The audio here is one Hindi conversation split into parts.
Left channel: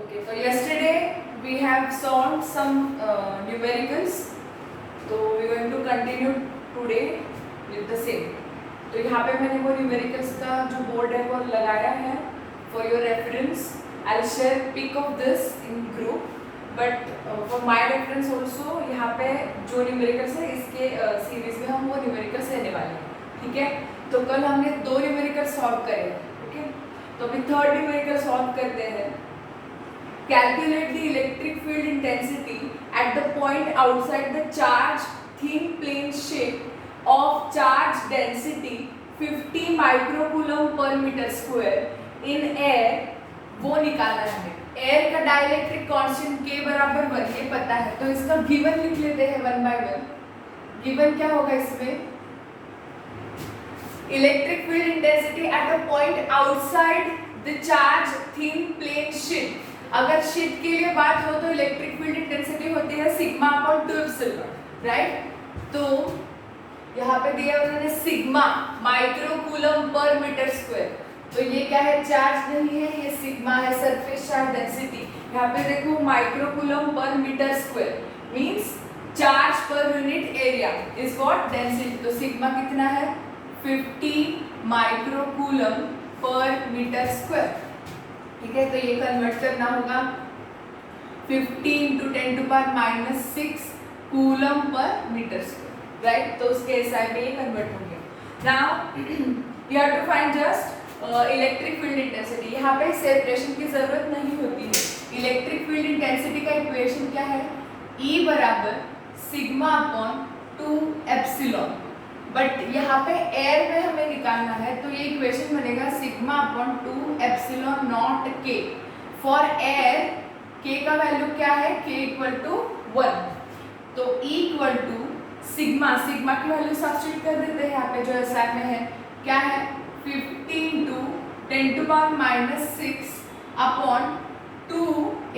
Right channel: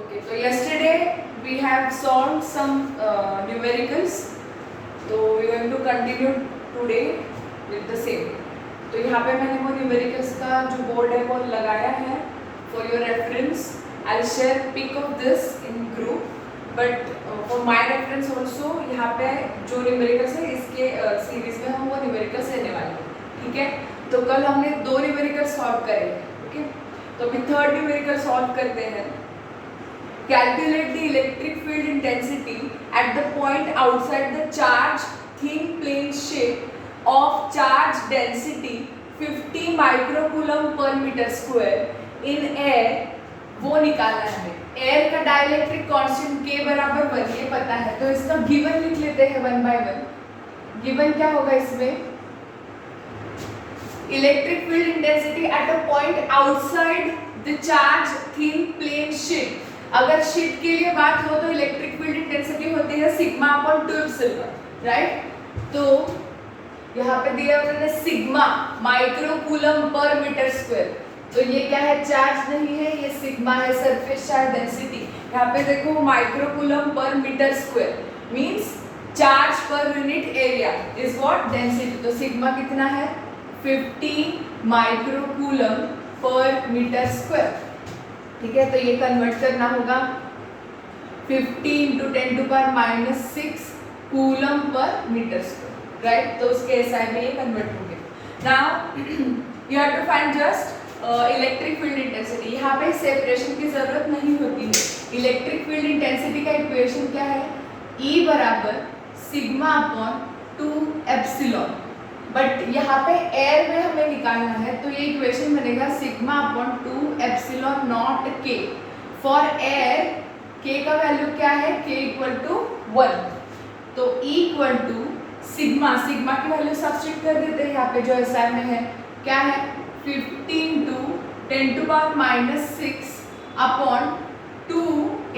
Okay, so yesterday we have solved some numericals. So we are going to continue today with the same. तो यहाँ पे मैंने वो numericals का जो board है वो लगाया है for your reference. I'll share pic of this in group. But for my reference also यहाँ पे जो numericals है इसके series में हम वो numericals लेने वाले हैं. ठीक है? तो कल हमने 2 numericals solve करे. Okay? तो अभी third numerical solve करते हैं. Calculate the electric field intensity at the point outside the charged thin plane sheet of charge density 50 microcoulomb per meter square in air. वो निकालना है. एयर का डाइलेक्ट्रिक कांस्टेंट K बराबर 1 ये पता है, तो इसका गिवन लिख लेते हैं 1 by 1. गिवन क्या होगा इसमें? Electric field intensity at a point outside the charge thin plane sheet. अगर शीट के लिए बात हो तो इलेक्ट्रिक फील्ड इंटेंसिटी होती है सिग्मा अपॉन 2 एप्सिलॉन, राइट? तो यहाँ पे दिया हुआ है sigma microcoulomb per metre square. तो ये क्या है? चार्ज नहीं है, ये सिग्मा है, सरफेस चार्ज डेंसिटी. यहाँ पे देखो microcoulomb per metre square means charge per unit area is what? Density. तो सिग्मा कितना है? 50 माइक्रोकूलम पर मीटर स्क्वायर. ठीक है, तो ये कन्वर्ट करना होगा 50 into 10 to power -6 coulomb per metre square, right? तो उसके एसआई में ये कन्वर्ट होंगे. Now you have to find just electric field intensity. यहाँ पे सेपरेशन की जरूरत नहीं होती है. इलेक्ट्रिक फील्ड इंटेंसिटी का इक्वेशन क्या है? E बराबर सिग्मा अपॉन 2 एप्सिलॉन. बट यहाँ पे एयर में हमें निकालना है, तो ये इक्वेशन बनेगा sigma upon 2 epsilon naught K. For air K का वैल्यू क्या है? K equal to 1. तो E इक्वल टू सिग्मा की वैल्यू सब्स्टिट्यूट कर देते हैं यहाँ पे जो एसआई में है. क्या है? 50 into 10 to power -6 upon 2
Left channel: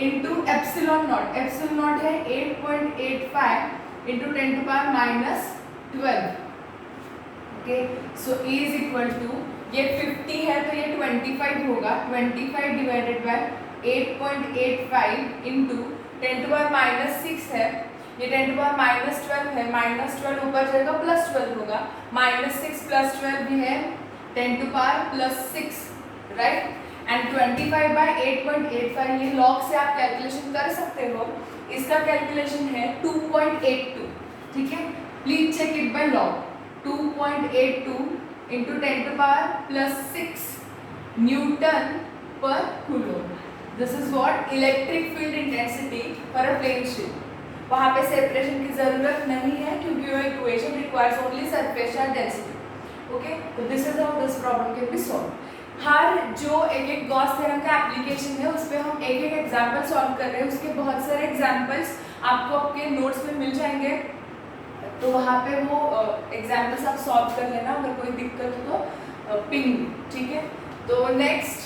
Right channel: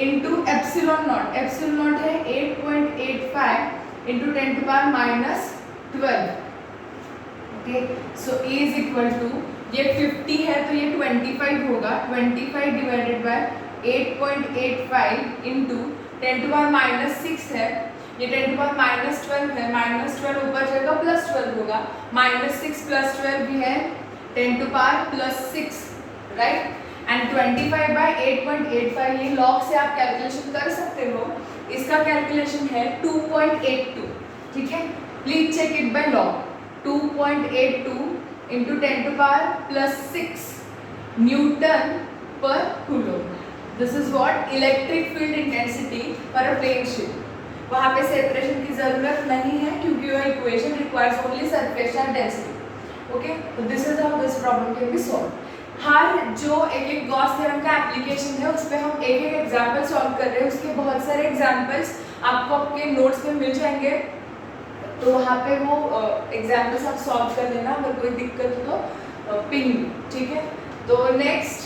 into epsilon naught. Epsilon naught है 8.85 into 10 to power -12. Okay, so E is equal to, ये 50 है तो ये 25 होगा. 25 divided by 8.85 into 10 to power -6 है, ये 10 टू पावर -12 है. -12 ऊपर जाएगा +12 होगा. -6 + 12 भी है 10 to power +6, right? And 25 by 8.85 ये लॉग से आप कैलकुलेशन कर सकते हो. इसका कैलकुलेशन है 2.82. ठीक है, please check it by log. 2.82 into 10 to power +6 newton पर coulomb. This is what? Electric field intensity for a plane sheet. वहाँ पे सेपरेशन की जरूरत नहीं है क्योंकि your equation requires only surface charge density. Okay, तो this is how this problem can be solve. हर जो एक गॉस थ्योरम का एप्लीकेशन है उस पर हम एक एग्जाम्पल सॉल्व कर रहे हैं. उसके बहुत सारे एग्जाम्पल्स आपको आपके नोट्स में मिल जाएंगे, तो वहाँ पे वो एग्जाम्पल्स आप सॉल्व कर लेना. अगर कोई दिक्कत हो तो पिंग. ठीक है, तो नेक्स्ट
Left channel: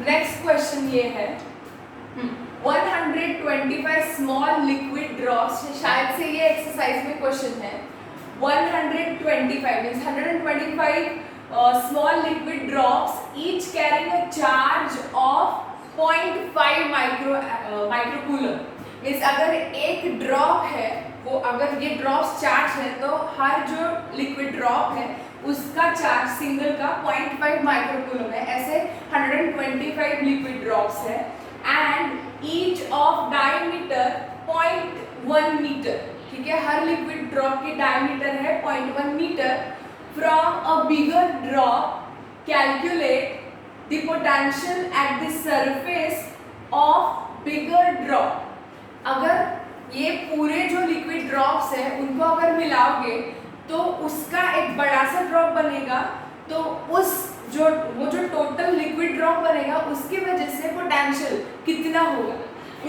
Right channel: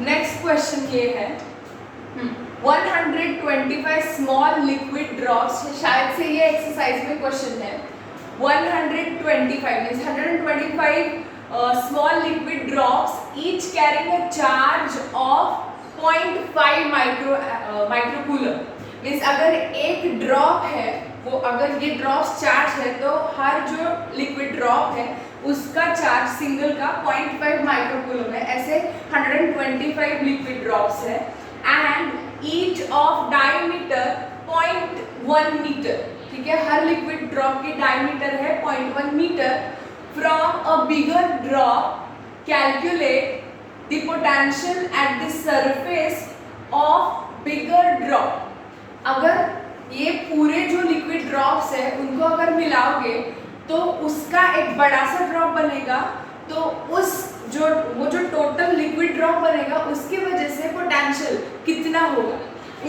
नेक्स्ट क्वेश्चन ये है 125 स्मॉल लिक्विड ड्रॉप्स. शायद से ये एक्सरसाइज में क्वेश्चन है. 125 means 125 small liquid drops each carrying a charge of 0.5 microcoulomb. Means अगर एक ड्रॉप है, वो अगर ये ड्रॉप्स चार्ज है तो हर जो लिक्विड ड्रॉप है उसका चार्ज सिंगल का 0.5 माइक्रोकूलम है. ऐसे 125 लिक्विड ड्रॉप्स है and each of diameter 0.1 metre. ठीक है, हर लिक्विड ड्रॉप की डायमीटर है 0.1 metre. From a bigger drop, calculate the potential at the surface of bigger drop. अगर ये पूरे जो लिक्विड ड्रॉप्स है उनको अगर मिलाओगे तो उसका एक बड़ा सा ड्रॉप बनेगा. तो उस वो जो टोटल लिक्विड ड्रॉप बनेगा उसकी वजह से पोटेंशियल कितना होगा,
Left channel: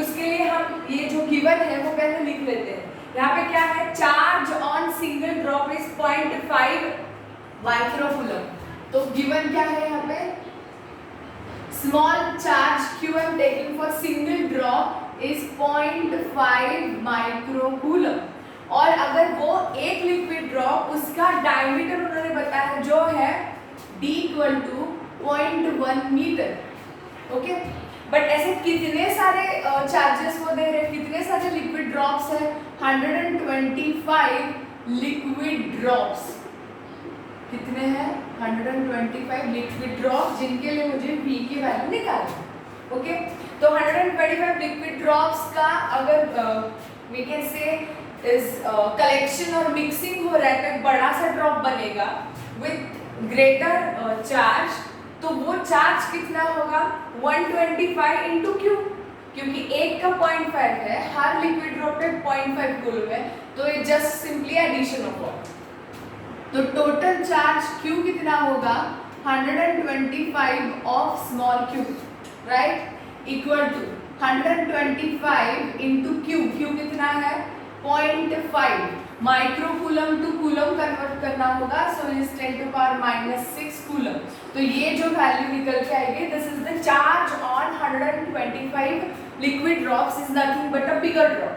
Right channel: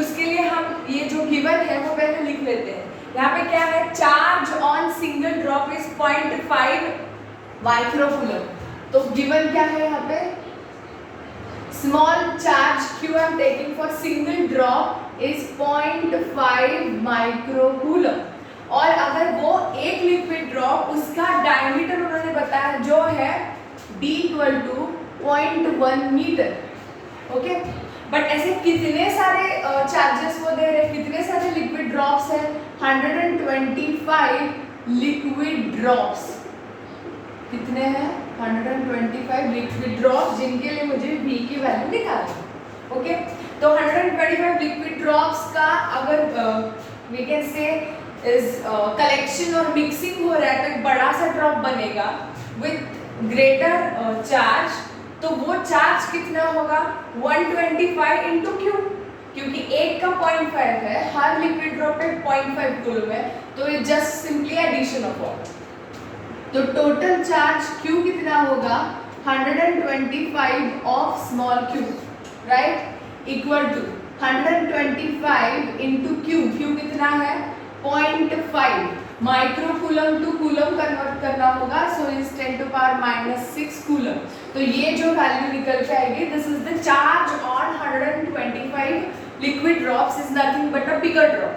उसके लिए हम ये जो गिवन है वो पहले लिख लेते हैं. यहाँ पे क्या है? Charge on single drop is 0.5 microcoulomb. तो गिवन क्या है यहाँ पे? Small charge Q I am taking for single drop is 0.5 microcoulomb. और अगर ड्रॉप, उसका डायमीटर उन्होंने बताया जो है d equal to 0.1 metre. Okay, but ऐसे कितने सारे चार्जेस वो दे रहे, कितने सारे लिक्विड ड्रॉप्स है? 125 लिक्विड ड्रॉप्स। कितने हैं? 125 लिक्विड ड्रॉप्स, जिनके लिए मुझे v की वैल्यू निकालनी। ओके, तो 125 लिक्विड ड्रॉप्स का अगर we can say is collection और मिक्सिंग हो रहा है तो एक बड़ा सा ड्रॉप बनेगा विथ ग्रेटर चार्ज। तो वो चार्ज कितना होगा? 125 इंटू क्यू, क्योंकि एक का 0.5 है, हर लिक्विड ड्रॉप पे 0.5 कूलम है, तो ये just simply addition of water. तो टोटल चार्ज Q कितना होगा? 125 of small q, right, equal to 125 into Q। Q कितना है? 0.5। Micro coulomb to coulomb convert करना होगा, so is 10 to power -6 coulomb. तो ये जो वैल्यू निकल के आएगी, this is the charge on 125 liquid drops, is nothing but a bigger drop.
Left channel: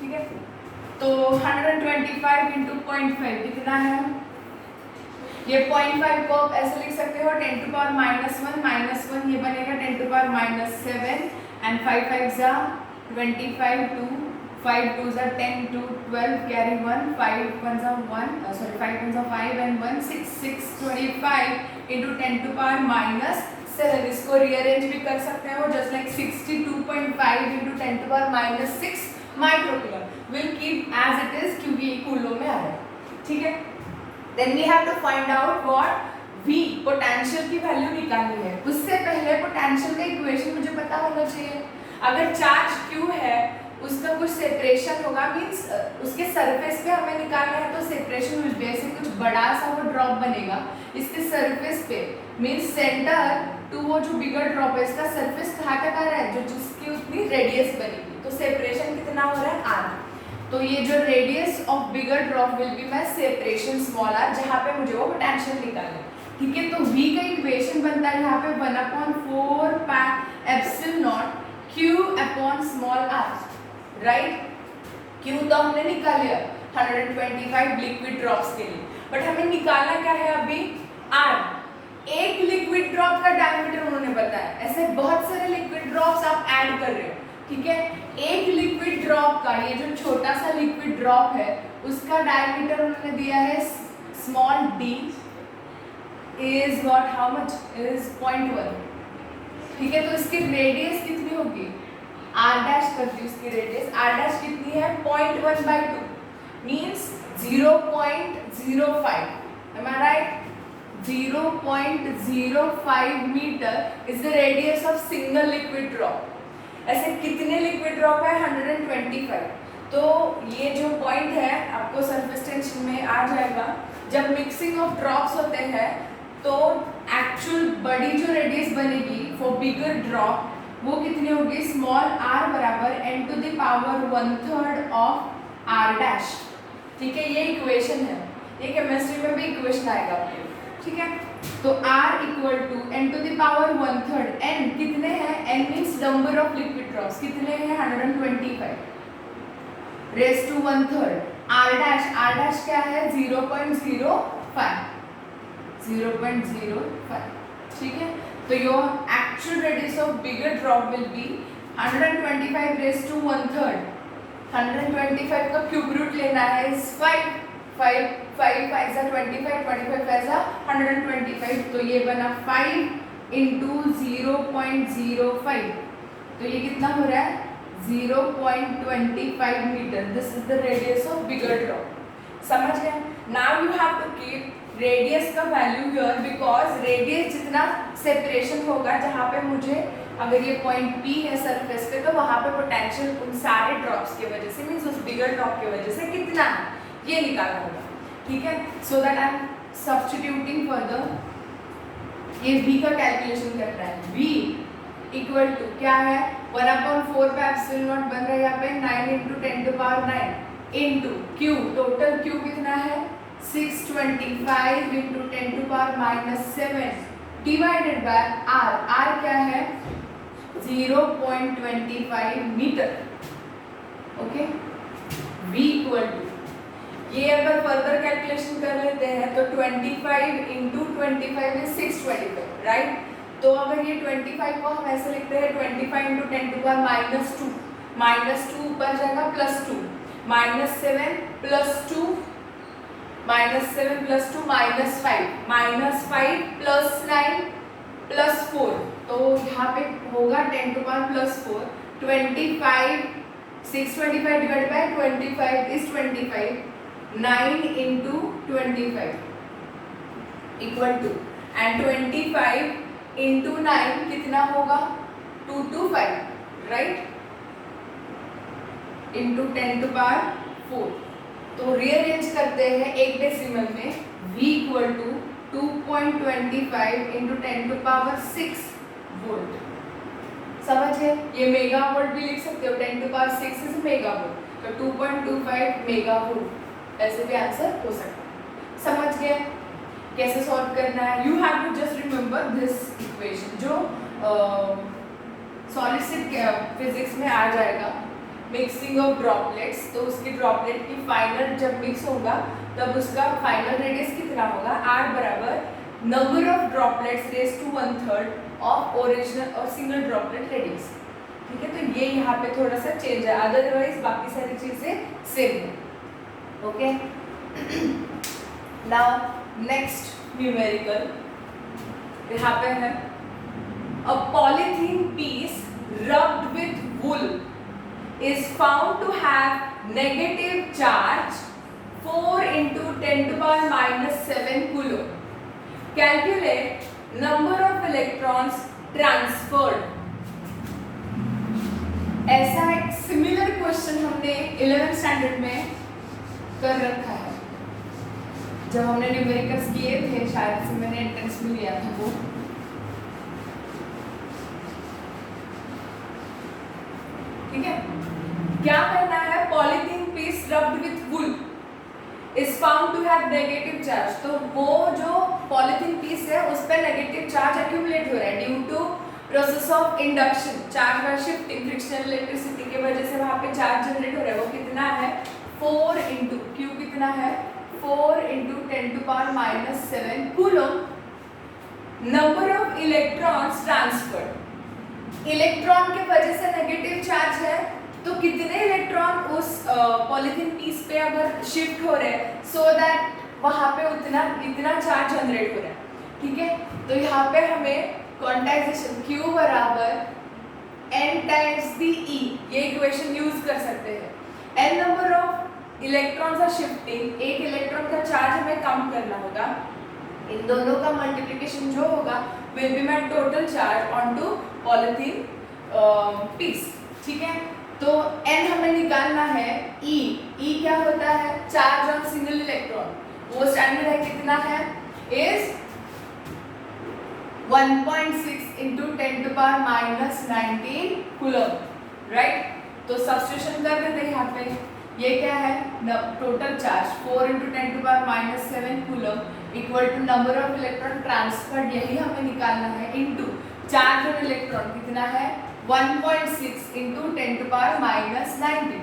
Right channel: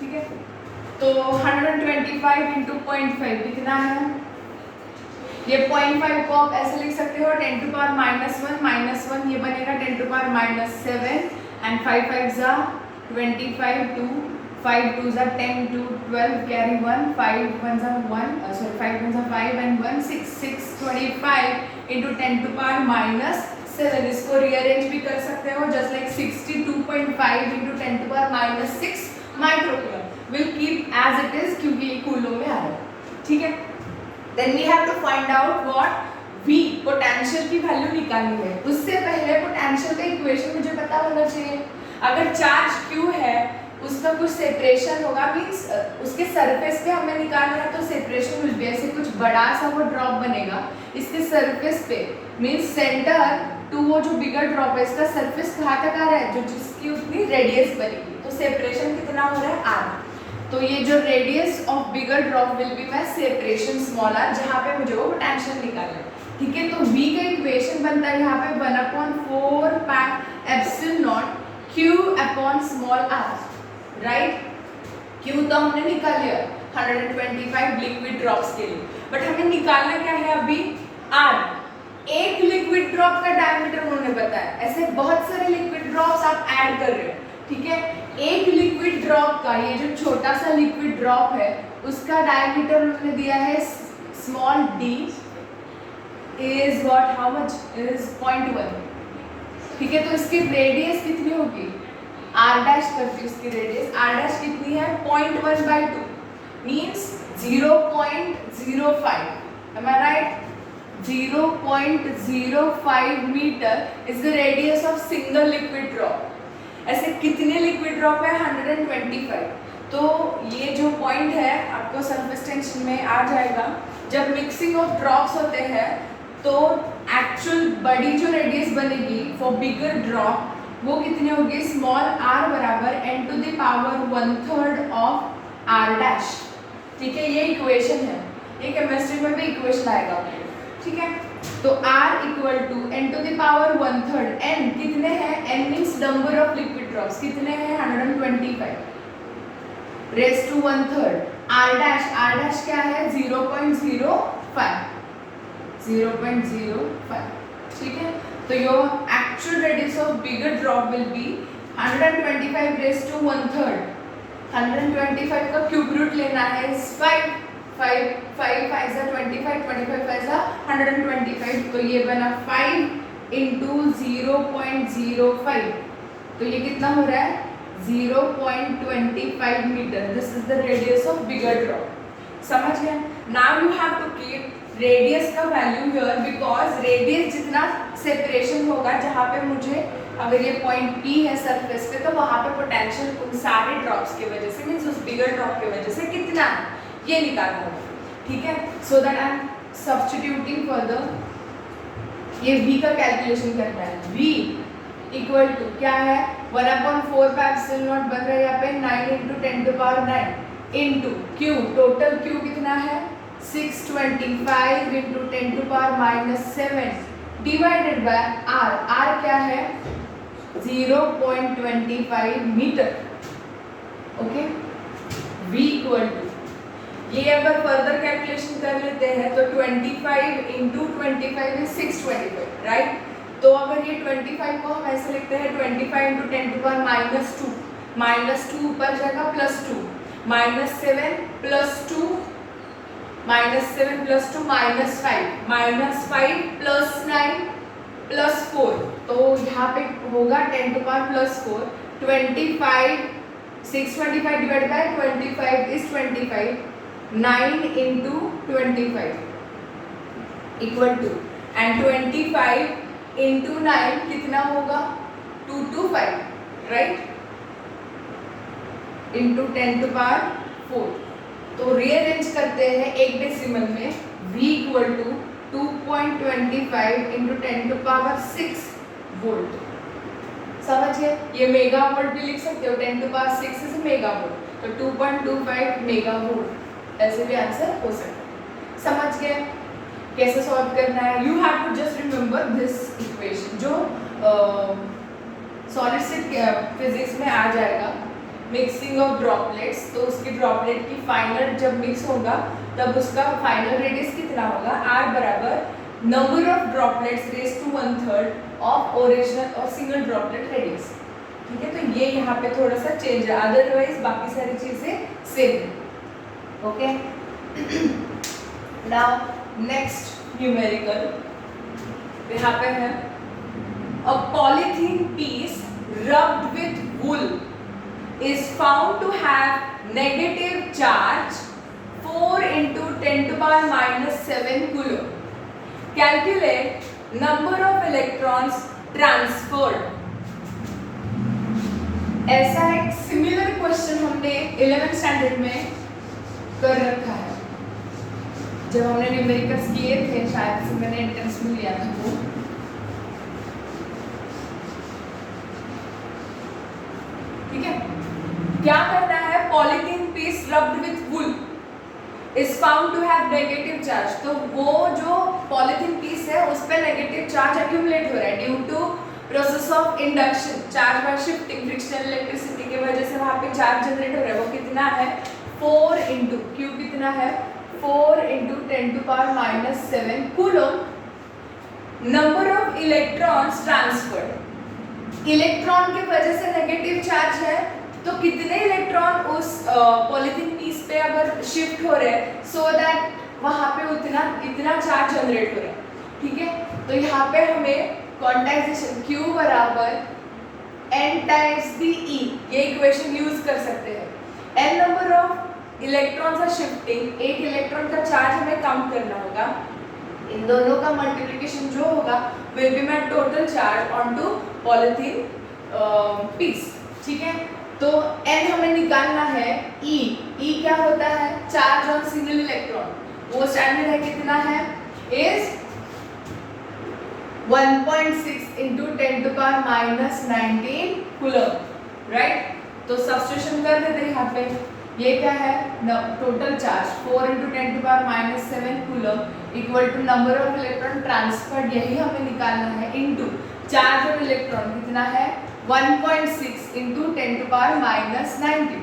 ठीक है, तो 125 इंटू 0.5 कितना है? ये 0.5 को आप ऐसे लिख सकते हो 10 टू पावर -1, ये बनेगा 10 टू पावर -7 एंड 5 5 जा 25, 2 5 2 जा 10 2 12 कैरी 1 5 1 जा 1 सॉरी 5 1 जा 5 एंड 1 6 6 25 इंटू 10 टू पावर -7। इसको रीअरेंज भी कर सकते हो just like 62.5 into 10 to power -6 microcoulomb will keep as it is, क्योंकि ये कूलम में आ रहा है। ठीक है, then we have to find out what V, potential की वैल्यू निकालनी है। उससे पहले पोटेंशियल का इक्वेशन मुझे पता होना चाहिए। अगर चार्ज Q है, उसका कुछ सेपरेशन होगा, मींस उसके सरफेस पे हमें निकालना है, तो सेपरेशन विल बी ऐसे कुछ बड़ा सा वो ड्रॉप बनेगा इसके सरफेस पे, मींस सेंटर टू वो जो बिगर ड्रॉप है, इसका सरफेस कहाँ तक आ रहा है, जो जिसकी उतनी रेडियस बनेगी। तो सेपरेशन कितना हो रहा है? r। तो ये जो radius of bigger drop will be my separation small r, जहाँ पे मुझे वो पोटेंशियल निकालना है। ठीक है, तो V का इक्वेशन बनता है यहाँ पे 1/4 pi epsilon not Q upon small r, right. Q तो हमने निकाल लिया 125 लिक्विड ड्रॉप्स के लिए, बट हमें निकालना क्या है अभी? R। एक लिक्विड ड्रॉप का डायमीटर उन्होंने बताया, ऐसे बहुत सारे लिक्विड ड्रॉप्स आप ऐड कर रहे हो। ठीक है, एक लिक्विड ड्रॉप का, ये जो छोटा सा लिक्विड ड्रॉप है, उसका डायमीटर उन्होंने दिया है small d is what, how much is 0.1। ठीक है, तो इसकी रेडियस कितनी होगी? r डैश करती हूँ, उसकी रेडियस r डैश कितनी है? 0.1/2 means 0.05। am I right? 0.05 metre is the radius of single liquid drop. ऐसे कितने लिक्विड ड्रॉप है? 125। तो ये जो पॉइंट है आपको सरफेस टेंशन में आ जाएगा। जब मिक्सिंग ऑफ ड्रॉप्स होते हैं तो एक्चुअल बड़ी जो रेडियस बनेगी फॉर बिगर ड्रॉप वो कितनी होगी? स्मॉल r बराबर n to the power 1/3 of r dash. ठीक है, ये इक्वेशन है, ये केमिस्ट्री में भी इक्वेशन आएगा आपको। ठीक है, तो r equal to n to the power 1/3, n कितने हैं? n means number of liquid drops, कितने हैं? 125 रेज टू 1/3 r डैश क्या है? 0.05। ठीक है, तो your actual radius of bigger drop will be 125 raise to 1/3। 125 का क्यूब रूट लेना है 5 5 5 5 जा 25 25 5 जा 125, तो ये बना 5 इंटू 0.05, तो ये कितना हो रहा है? 0.25 metre. This is the radius of bigger drop. समझ गए? Now you have to keep radius का वैल्यू हियर, बिकॉज रेडियस जितना सेपरेशन होगा, जहाँ पे मुझे अगर ये पॉइंट P है सरफेस पे, तो वहाँ पे पोटेंशियल उन सारे ड्रॉप्स की वजह से, मीन्स उस बिगर ड्रॉप की वजह से कितना है, ये निकालना होगा। ठीक है, so that I am substituting further, ये V का कैलकुलेशन करना है। V इक्वल टू क्या है? 1/4 पाई एप्सिलॉन नॉट बन रहा है यहाँ पे 9 into 10 to power 9 into Q, total Q कितना है? 625 into 10 to power -7 divided by R। R क्या है? 0.25 metre. Okay, V equal to, ये अगर फर्दर कैलकुलेशन कर लेते हैं तो 25 इंटू 25 इज 625, राइट। तो अगर ये 25 को हम ऐसे लिखते हैं 25 इंटू 10 टू पावर -2, -2 ऊपर जाएगा +2, -7 +2, -7 +2 -5 +9 +4, तो यहाँ पे होगा 10 to power +4, 25 625 divide by 25 is 25, 9 into 25 equal to, and 25 into 9 कितना होगा 225, राइट, इंटू 10 टू पावर 4। तो रीअरेंज करते हैं एक डेसिमल में, v equal to 2.25 into 10 to power 6 volt. समझ गए? ये मेगा वोल्ट भी लिख सकते हो, 10 to power 6 is mega volt, तो 2.25 मेगा वोल्ट ऐसे भी आंसर हो सकता है। समझ गए कैसे सॉल्व करना है? You have to just remember this equation, जो सॉलिड स्टेट फिजिक्स में आ जाएगा, मिक्सिंग ऑफ ड्रॉपलेट्स। तो उसकी ड्रॉपलेट की फाइनल जब मिक्स होगा तब उसका फाइनल रेडियस कितना होगा, r बराबर number of droplets raise to 1/3 of original और सिंगल ड्रॉपलेट रेडियस। ठीक है, तो ये यहाँ पे थोड़ा सा चेंज है, अदरवाइज बाकी सारी चीजें सेम है। ओके, नाउ नेक्स्ट न्यूमेरिकल यहाँ पे है, a polythene piece rubbed with wool is found to have negative charge 4 into 10 to power -7 coulomb. Calculate number of electrons transferred. ऐसा एक सिमिलर क्वेश्चन हमने 11th स्टैंडर्ड में कर रखा है, जब हमने न्यूमेरिकल्स किए थे, शायद से मैंने एंट्रेंस में लिया था वो। ठीक है, क्या करना है, polythene piece rubbed with wool is found to have negative charge. तो वो जो पॉलीथीन पीस है उस पे नेगेटिव चार्ज एक्यूमुलेट हो रहा है due to process of induction, charge by shifting, frictional electricity की वजह से वहां पे चार्ज जनरेट हो रहा है। वो कितना है 4 इंटू क्यू कितना है 4 into 10 to power -7 coulomb. Number of electrons transferred, electron की वजह से नेगेटिव चार्ज है, तो कितने इलेक्ट्रॉन उस पॉलीथीन पीस पे अगर शिफ्ट हो रहे हैं सो दैट वहां पे इतना चार्ज जनरेट हो रहा है। ठीक है, तो यहाँ पे हमें क्वांटाइजेशन Q बराबर n टाइम्स दी E, ये इक्वेशन यूज कर सकते हैं। n number of electrons are shifting, एक इलेक्ट्रॉन का चार्ज हमें काउंट करना होगा, इन दोनों का मल्टीप्लिकेशन जो होगा will be my total charge on to polythene piece. ठीक है, तो n हमें निकालना है, E क्या होता है, चार्ज ऑन सिंगल इलेक्ट्रॉन, वो स्टैंडर्ड है कितना है, is 1.6 into 10 to power -19 coulomb, right. तो सब्स्टिट्यूशन कर देते यहाँ पे, ये क्या है total charge 4 into 10 to power -7 coulomb equal to number of electron transferred, यही हमें निकालना है, इंटू चार्ज ऑन इलेक्ट्रॉन कितना है 1.6 into 10 to power -19.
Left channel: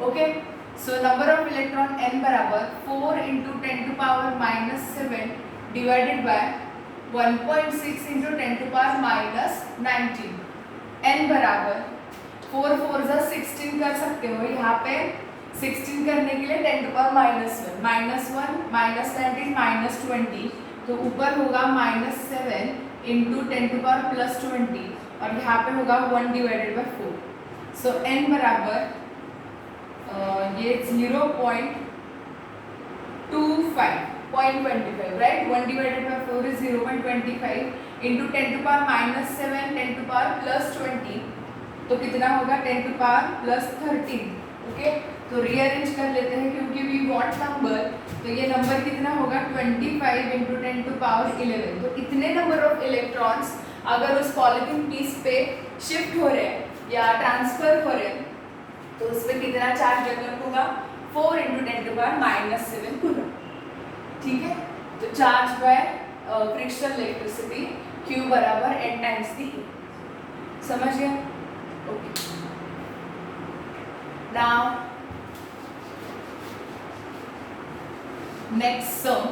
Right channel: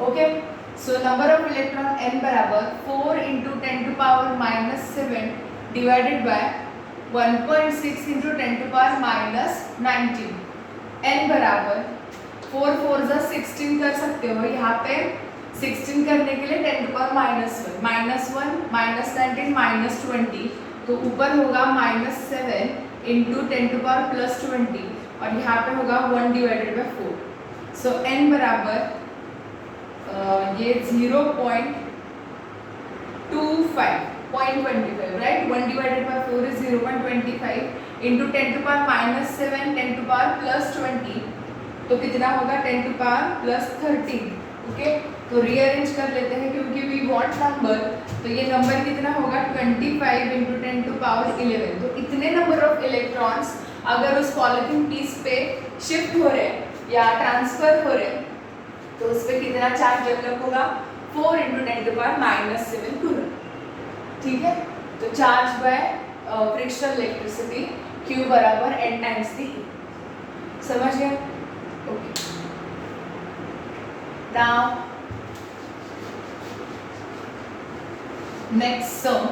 Okay, so number of electron n बराबर 4 into 10 to power -7 divided by 1.6 into 10 to power -19. n बराबर 4 4 जा 16 कर सकते हो, यहाँ पे 16 करने के लिए 10 to power -1 -19 -20, तो ऊपर होगा -7 into 10 to power +20 और यहाँ पे होगा 1 डिवाइडेड बाय 4। सो n बराबर ये 0.25 right, 1 divided by 4 is 0.25 into 10 to power -7 10 to power +20, तो कितना होगा 10 टू पावर +13। ओके, तो रीअरेंज कर लेते हैं क्योंकि वी वांट नंबर, तो ये नंबर कितना होगा 25 इंटू 10 टू पावर 11। तो इतने नंबर ऑफ इलेक्ट्रॉन्स अगर उस पॉलीथीन पीस पे शिफ्ट हो रहे हैं या ट्रांसफर हो रहे हैं तो उस पर कितना चार्ज डेवलप होगा 4 इंटू 10 टू पावर -7 कूलम। ठीक है, तो charge by frictional electricity Q बराबर n टाइम्स दी E। समझ गए? ओके, नाउ नेक्स्ट सम,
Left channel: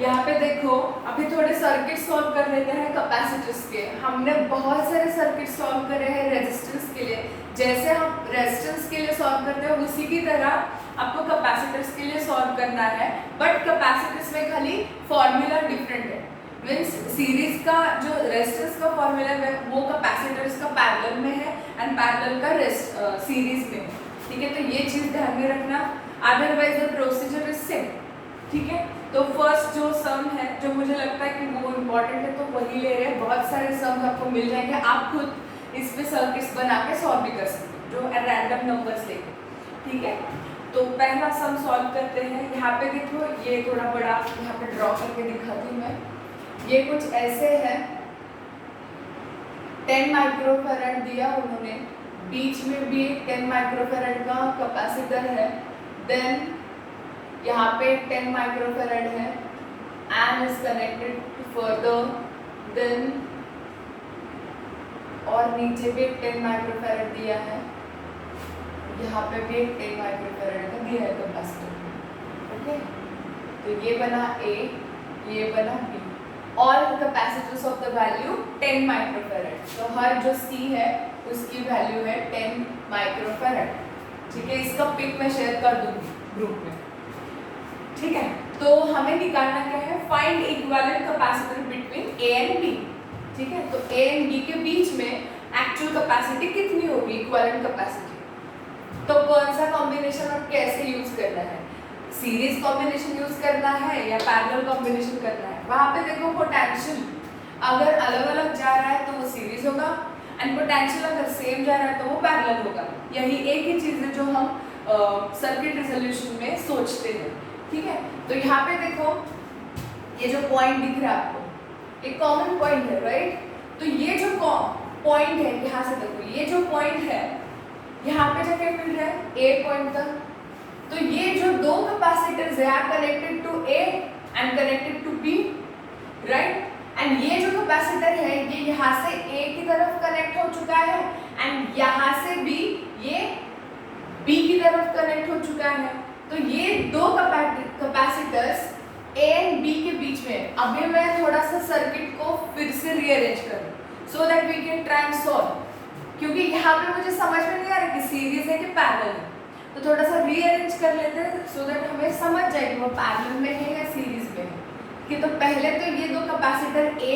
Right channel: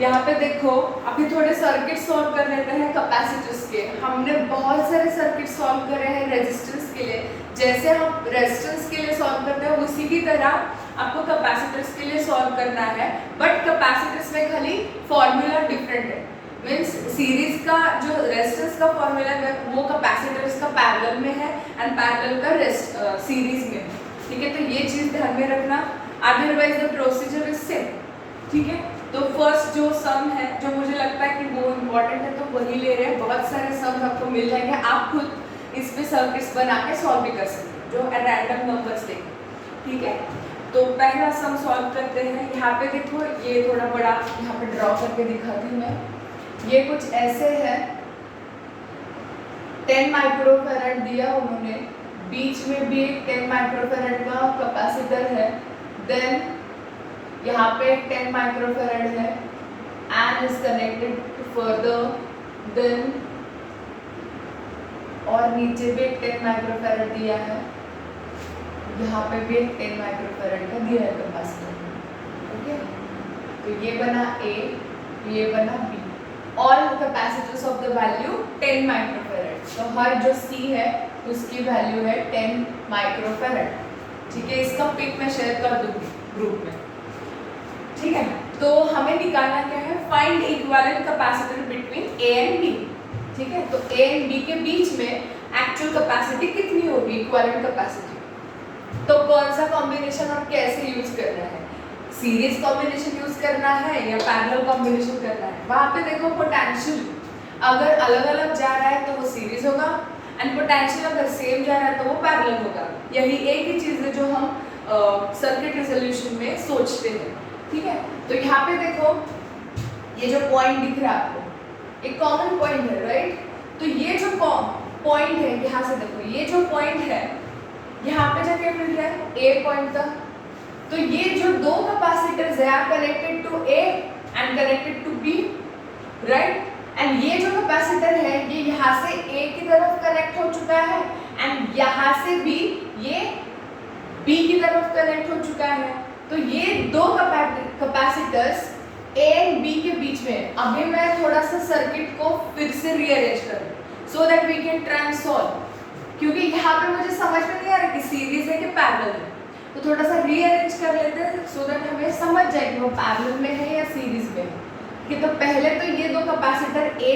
यहाँ पे देखो अभी थोड़े सर्किट सॉल्व कर लेते हैं कैपेसिटर्स के। हमने बहुत सारे सर्किट सॉल्व कर रहे हैं रेजिस्टेंस के लिए, जैसे हम रेजिस्टेंस के लिए सॉल्व करते हैं उसी की तरह आपको कैपेसिटर्स के लिए सॉल्व करना है, बट कैपेसिटर्स में खाली फॉर्मूला डिफरेंट है। मीन्स सीरीज का जो रेजिस्टेंस का फॉर्मूला है वो कैपेसिटर्स का पैरेलल में है एंड पैरेलल का सीरीज में है, ठीक है। तो ये चीज ध्यान में रखना, otherwise the procedure is same, ठीक है। तो फर्स्ट जो सम है जो मुझे लगता है कि वो इम्पोर्टेंट है तो वही ले रहे हैं। बहुत सारे सम्स आपको मिल जाएंगे, आप खुद इसमें सर्किट्स बना के सॉल्व भी कर सकते हैं जो रैंडम नंबर्स लेकर, ठीक है। तो पहला सम सॉल्व करते हैं। यहाँ पे देखो ये थोड़ा बड़ा यहाँ पे ड्रॉ करके दिखाती हूँ मैं। ये कुछ ऐसे है, 10 माइक्रोफैरड दिया उन्होंने, बीच में भी 10 माइक्रोफैरड का कैपेसिटर है, देन यहाँ पे 10 माइक्रोफैरड है and is connected further, then और नीचे भी 10 माइक्रोफैरड दिया है, यहाँ पे भी 10 माइक्रोफैरड का दिया है कैपेसिटर, ओके। तो ये बना A, ये बना B। All capacitors of the value 10 microfarad, तो हर जो C है उसकी वैल्यू है 10 माइक्रोफैरड, ठीक है। इसका पिक मैं शेयर कर दूंगी ग्रुप में, ठीक है। तो हमें निकालना क्या है, find equivalent capacitor between A and B, ठीक है। तो A एंड B के बीच में एक्चुअल कैपेसिटी कितनी होगी, इक्विवेलेंट कैपेसिटी। तो कौन सा कॉम्बिनेशन और कैसे यूज करना है, सीरीज कॉम्बिनेशन यूज करना है या पैरेलल कॉम्बिनेशन करना है। वहां पे देखो पोटेंशियल अगर अलग अलग जा रहा है तो वो सीरीज होगा एंड पोटेंशियल अगर सेम जा रहा है तो वो पैरेलल होगा। यही एक ही चीज है जो हम सर्किट रिजोल्यूशन में सोचते हैं, ठीक है। तो यहाँ पे देखो ये जो पॉइंट दिख रहा है आपको, एक कॉमन पॉइंट है, राइट। तो ये जो पॉइंट है, यहाँ से देखो ये जो पॉइंट है यहाँ पे जाके मिल रहा है A पॉइंट तक। तो ये जो दो कैपेसिटर्स है are connected to A and connected to B, right. And ये जो कैपेसिटर है ये यहाँ से A की तरफ कनेक्ट हो चुका है एंड यहाँ से भी ये B की तरफ कनेक्ट हो चुका है। तो ये दो कैपेसिटर्स A एंड B के बीच में। अभी मैं थोड़ा सा सर्किट को फिर से रीअरेंज करूँ so that we can try and solve, क्योंकि यहाँ पे मुझे समझ में नहीं आ रहा कि सीरीज है कि पैरेलल है। तो थोड़ा सा रीअरेंज कर लेते हैं सो दैट हमें समझ जाए कि वो पैरेलल में है या सीरीज में है, कि तो पहले तो ये दो कैपेसिटर A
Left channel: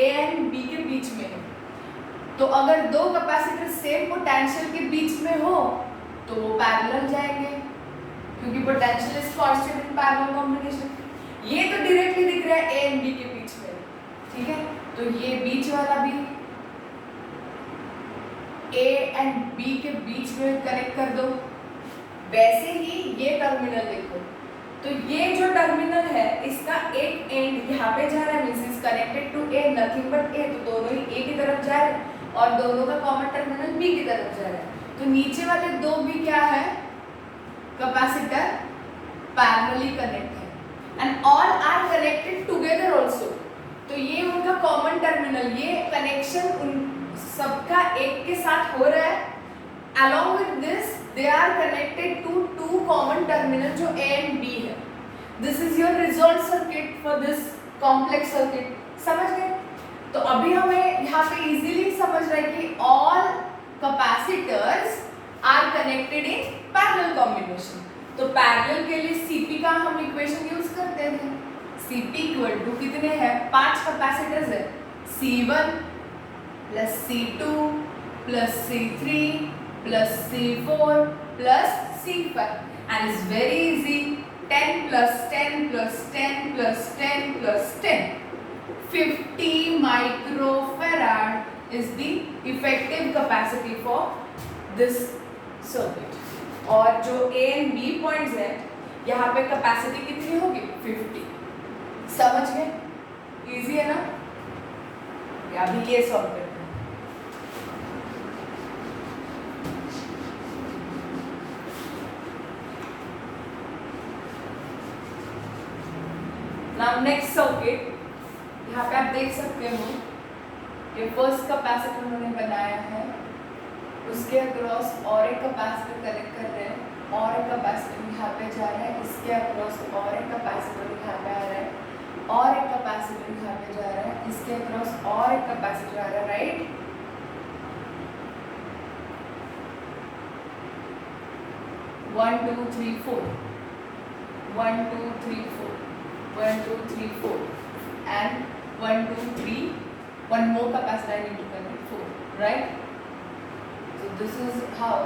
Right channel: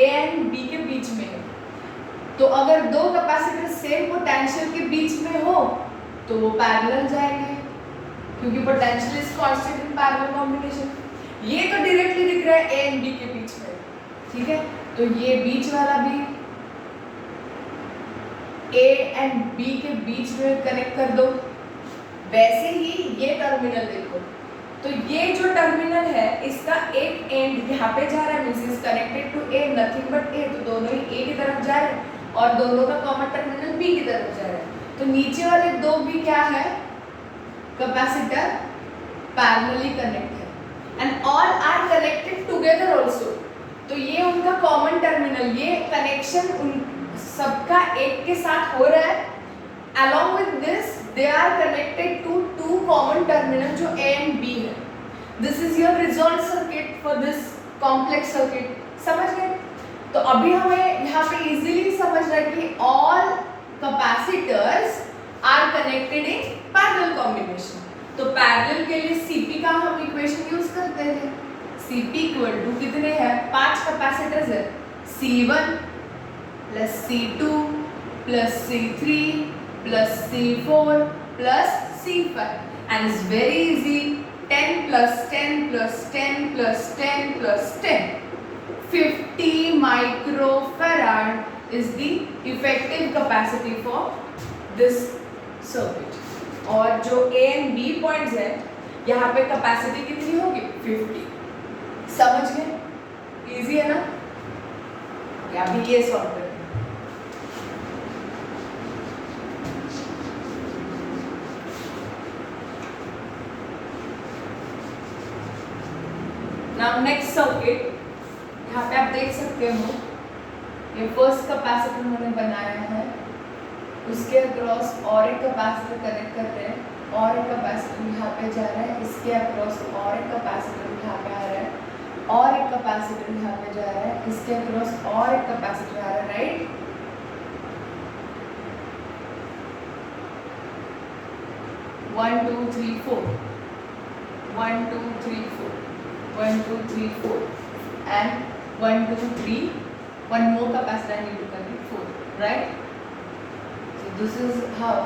एंड B के बीच में है। तो अगर दो कैपेसिटर सेम पोटेंशियल के बीच में हो तो वो पैरेलल जाएंगे, क्योंकि potential is constant in parallel combination. ये तो डायरेक्टली दिख रहा है A एंड B के बीच में, ठीक है। तो ये बीच वाला भी A एंड B के बीच में कनेक्ट कर दो। वैसे ही ये टर्मिनल देखो, तो ये जो टर्मिनल है इसका एक एंड यहाँ पे जा रहा है, means is connected to A, nothing but A। तो दोनों ही A की तरफ जा रहे हैं और दोनों का कॉमन टर्मिनल B की तरफ जा रहा है। तो नीचे वाले दो भी क्या है, कैपेसिटर पैरेलली कनेक्ट है and all are connected together also. तो ये उनका कॉमन टर्मिनल, ये कनेक्शन उन सबका एक के साथ हो रहा है। along with this they are connected to two common terminal जो A and B है। this is your resolved circuit for this complex circuit, समझ गए। तो अभी हमें यहाँ पे easily समझ रहा है कि all capacitors are connected in parallel combination। तो पैरेलल के लिए Cp का हम इक्वेशन यूज करते हैं। Cp इक्वल टू कितने हैं, 5 कैपेसिटर्स है, C1 plus C2 plus C3 plus C4 plus C5 and it's very easy, 10 plus 10 plus 10 plus 10 plus 10, 50 microfarad is the effective capacity for this circuit। और जो A and B पॉइंट्स है यहाँ पे कैपेसिटी कितनी होगी, 50। समझ गए, इजी है ना। अभी ये सॉल्व करते हैं। नाउ नेक्स्ट सर्किट, यहाँ पे आप देख सकते हो ये फर्स्ट कैपेसिटर उन्होंने बनाया है उसके अक्रॉस और एक कैपेसिटर कनेक्ट कर रहे हैं, और एक कैपेसिटर यहाँ पे जा रहा है, इसके अक्रॉस और एक कैपेसिटर यहाँ पे आ रहा है, और एक कैपेसिटर यहाँ पे जा रहा है, इसके अक्रॉस और एक कैपेसिटर आ रहा है, right. One two three four, 1 2 3 4, 1 2 3 4, and 1 2 3, one more capacitor I need to connect 4, right? So this is how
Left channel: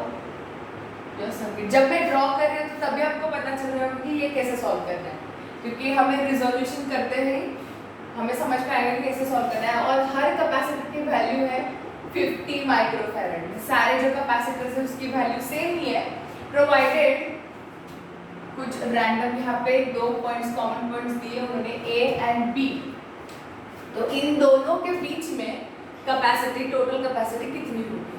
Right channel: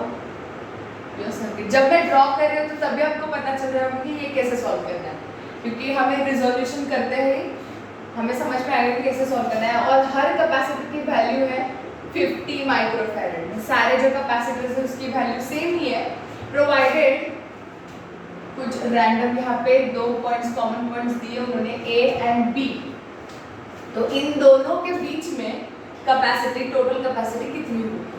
your circuit. जब मैं ड्रॉ कर रही हूँ तो तभी आपको पता चल रहा है कि ये कैसे सॉल्व करना है, क्योंकि हमें रिजोल्यूशन करते ही हमें समझ में आएगा कि कैसे सॉल्व करना है। और हर कैपेसिटर की वैल्यू है 50 माइक्रोफैरड। सारे जो कैपेसिटर्स है उसकी वैल्यू सेम ही है, प्रोवाइडेड कुछ रैंडम यहाँ पे दो पॉइंट्स कॉमन पॉइंट्स दिए उन्होंने A एंड B, तो इन दोनों के बीच में कैपेसिटी, टोटल कैपेसिटी कितनी होगी।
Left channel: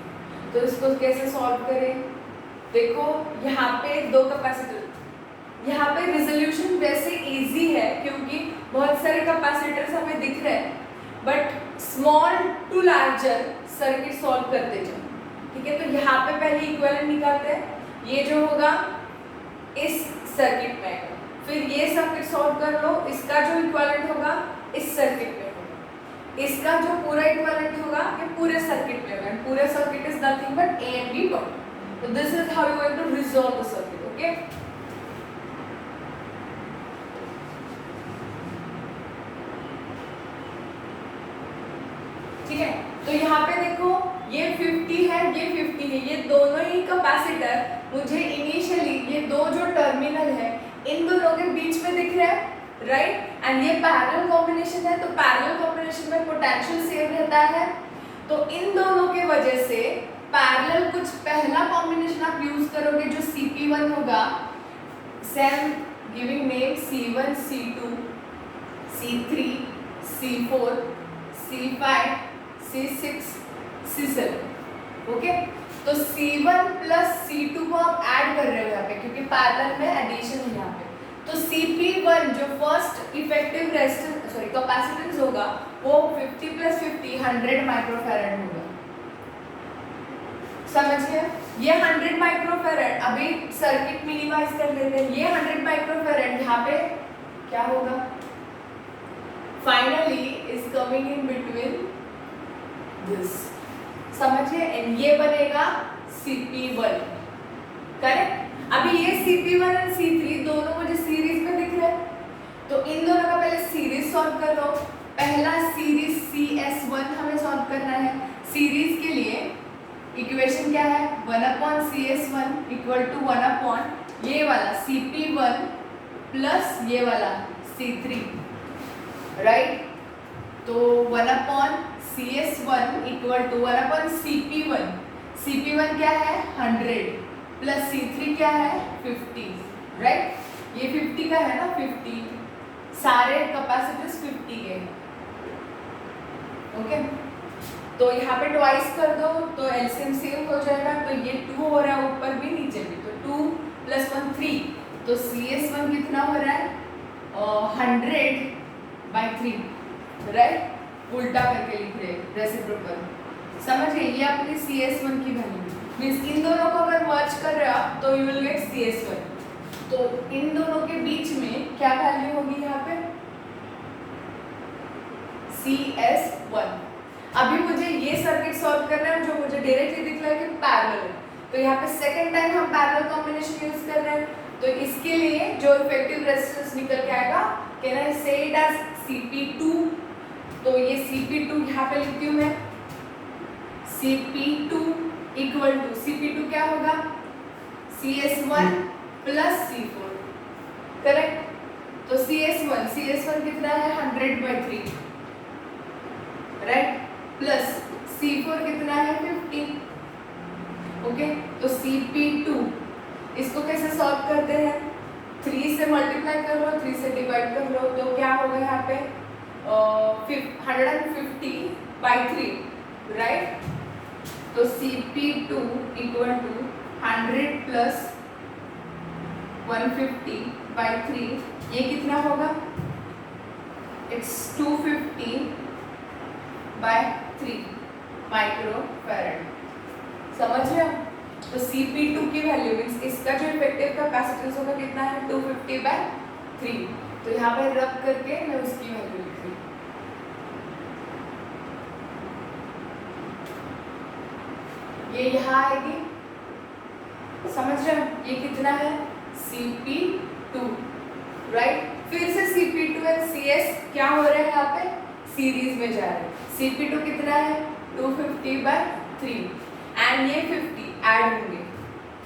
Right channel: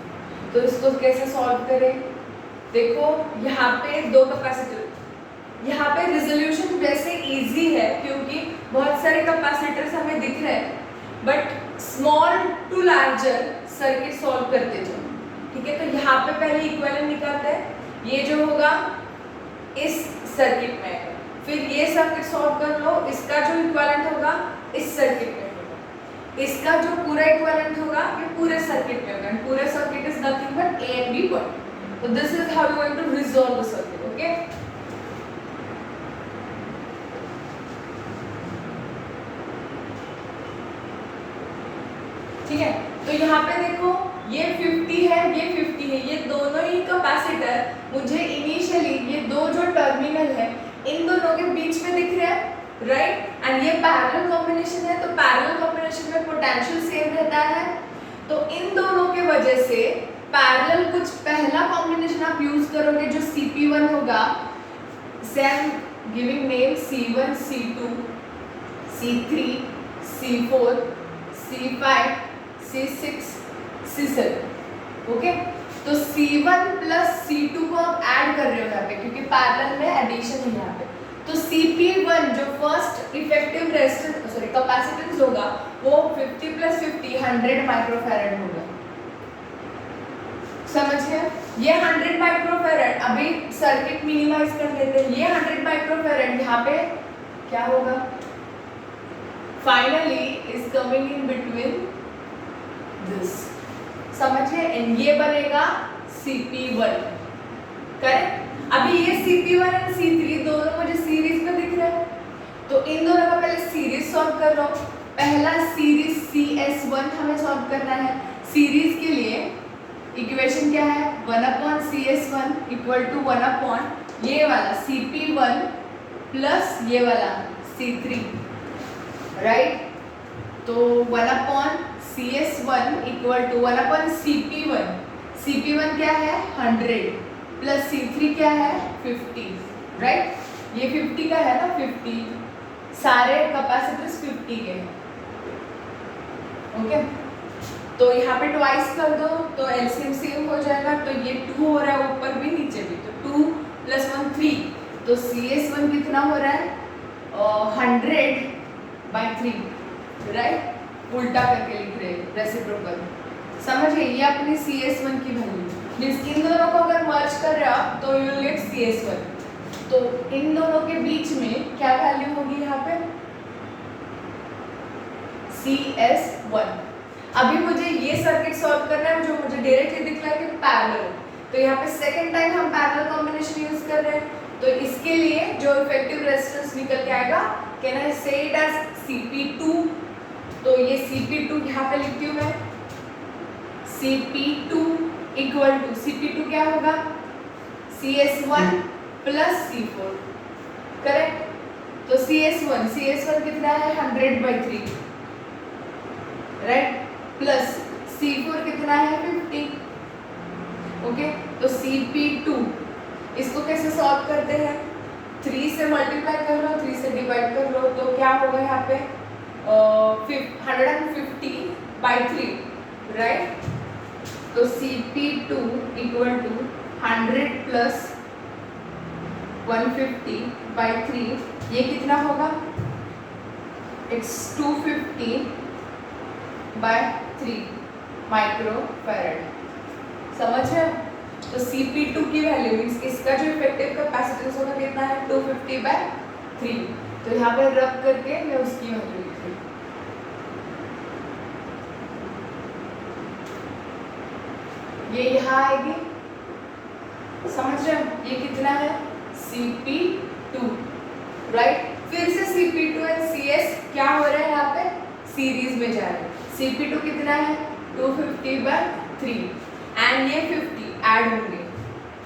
तो इसको कैसे सॉल्व करें, देखो यहाँ पे दो कैपेसिटर, यहाँ पे रिजोल्यूशन वैसे इजी है क्योंकि बहुत सारे कैपेसिटर्स हमें दिख रहे हैं, but small to larger circuit solve करते जाओ, ठीक है। तो यहाँ पे पहले इक्विवेलेंट निकालते हैं, ये जो होगा इस सर्किट में, फिर ये सर्किट सॉल्व कर लो, इसका जो इक्विवेलेंट होगा इस सर्किट में होगा, इसका जो पूरा इक्विवेलेंट होगा ये पूरे सर्किट में होगा। पूरे circuit is nothing but A and B point. So this is how you are going to resolve the circuit, okay? ठीक है, तो यहाँ पे देखो ये 50 है, ये 50 है, ये दोनों ही कैपेसिटर मुझे इनिशियली ये दो जो टर्मिनल है इन दोनों के बीच में दिख रहे हैं, राइट। एंड ये पैरेलल कॉम्बिनेशन है, तो पैरेलल कॉम्बिनेशन में पोटेंशियल सेम रहता है, तो इन दोनों के वजह से पैरेलल कुछ पहला कॉम्बिनेशन आप यूज करोगे जो Cp1 होगा, same giving name C1 C2 C3 C4 C5 C6 C7, okay. तो C1 प्लस C2 को आप ऐड कर रहे हो यहाँ पे क्योंकि पैरेलल में एडिशन है यहाँ पे, तो Cp1 जो first effective resistance sorry capacitance होगा वो 50 प्लस 50 100 माइक्रोफैरड होगा, समझ गए। ये 100 माइक्रोफैरड, अभी सर्किट मिनिमाइज कर लेते हैं, ये 100 माइक्रोफैरड यहाँ पे क्या होगा, finally is coming in between this, समझिए, एंड ये बनेगा Cp1, करेक्ट। अभी ये Cp1 और C3 दोनों मुझे सीरीज में दिख रहे हैं, तो इन दोनों का पहले सीरीज सॉल्व कर लो। पहला सीरीज CS1 हमें सॉल्व करना है। सीरीज के लिए इक्वेशन क्या है, 1/CS1 इक्वल टू 1 ये वाला Cp1 प्लस ये वाला C3, राइट। तो 1/CS1 equal to 1/Cp1, Cp1 क्या है 100 प्लस C3 क्या है 50, राइट। ये 50 का है ना, 50 सारे कैपेसिटर्स 50 के हैं, ओके। तो यहाँ पे ट्वाइस कर दो तो एलसीएम सेम हो जाएगा, तो ये 2 हो रहा है ऊपर भी नीचे भी, तो 2 + 1 3, तो CS1 कितना हो रहा है 100/3, राइट। उल्टा करके लिख रहे हैं रेसिप्रोकल, समझिए। ये अपनी CS1 की वैल्यू मींस इन दोनों को अगर मर्ज कर रहे हो आप तो यू विल गेट CS1, तो इन दोनों के बीच में क्या वैल्यू होगी यहाँ पे CS1। अभी मुझे ये सर्किट सॉल्व करना है जो मुझे डायरेक्टली दिख रहा है कि पैरेलल, तो यहाँ पे सेकंड टाइम हम पैरेलल कॉम्बिनेशन यूज कर रहे हैं, तो इसके लिए जो इफेक्टिव रेजिस्टेंस निकल के आएगा, कैन आई से इट एज Cp2, तो ये Cp2 यहाँ पे लिखती हूँ मैं, Cp2 इक्वल टू Cp2 क्या होगा CS1 प्लस C4, करेक्ट। तो CS1 कितना है 100/3, राइट, प्लस C4 कितना है 50, ओके। तो Cp2 इसको कैसे सॉल्व करते हैं, 3 से मल्टीप्लाई कर लो, 3 से डिवाइड कर लो, तो क्या होगा यहाँ पे 150/3, राइट। तो Cp2 इक्वल टू 100 प्लस 150/3, ये कितना होगा, इट्स 250/3 माइक्रोफैरड, समझ रहे हो? तो Cp2 की वैल्यू मीन्स इसका जो इफेक्टिव कैपेसिटेंस होगा कितना है 250/3। तो यहाँ पे रब करके मैं उसकी वैल्यू लिख रही हूँ। ये यहाँ आएगी, समझ रहे हो? ये कितना है Cp2, राइट। फिर से Cp2 और Cs क्या हो रहा है यहाँ पे सीरीज में जा रहे हैं। Cp2 कितना है 250/3 एंड ये 50 ऐड होंगे,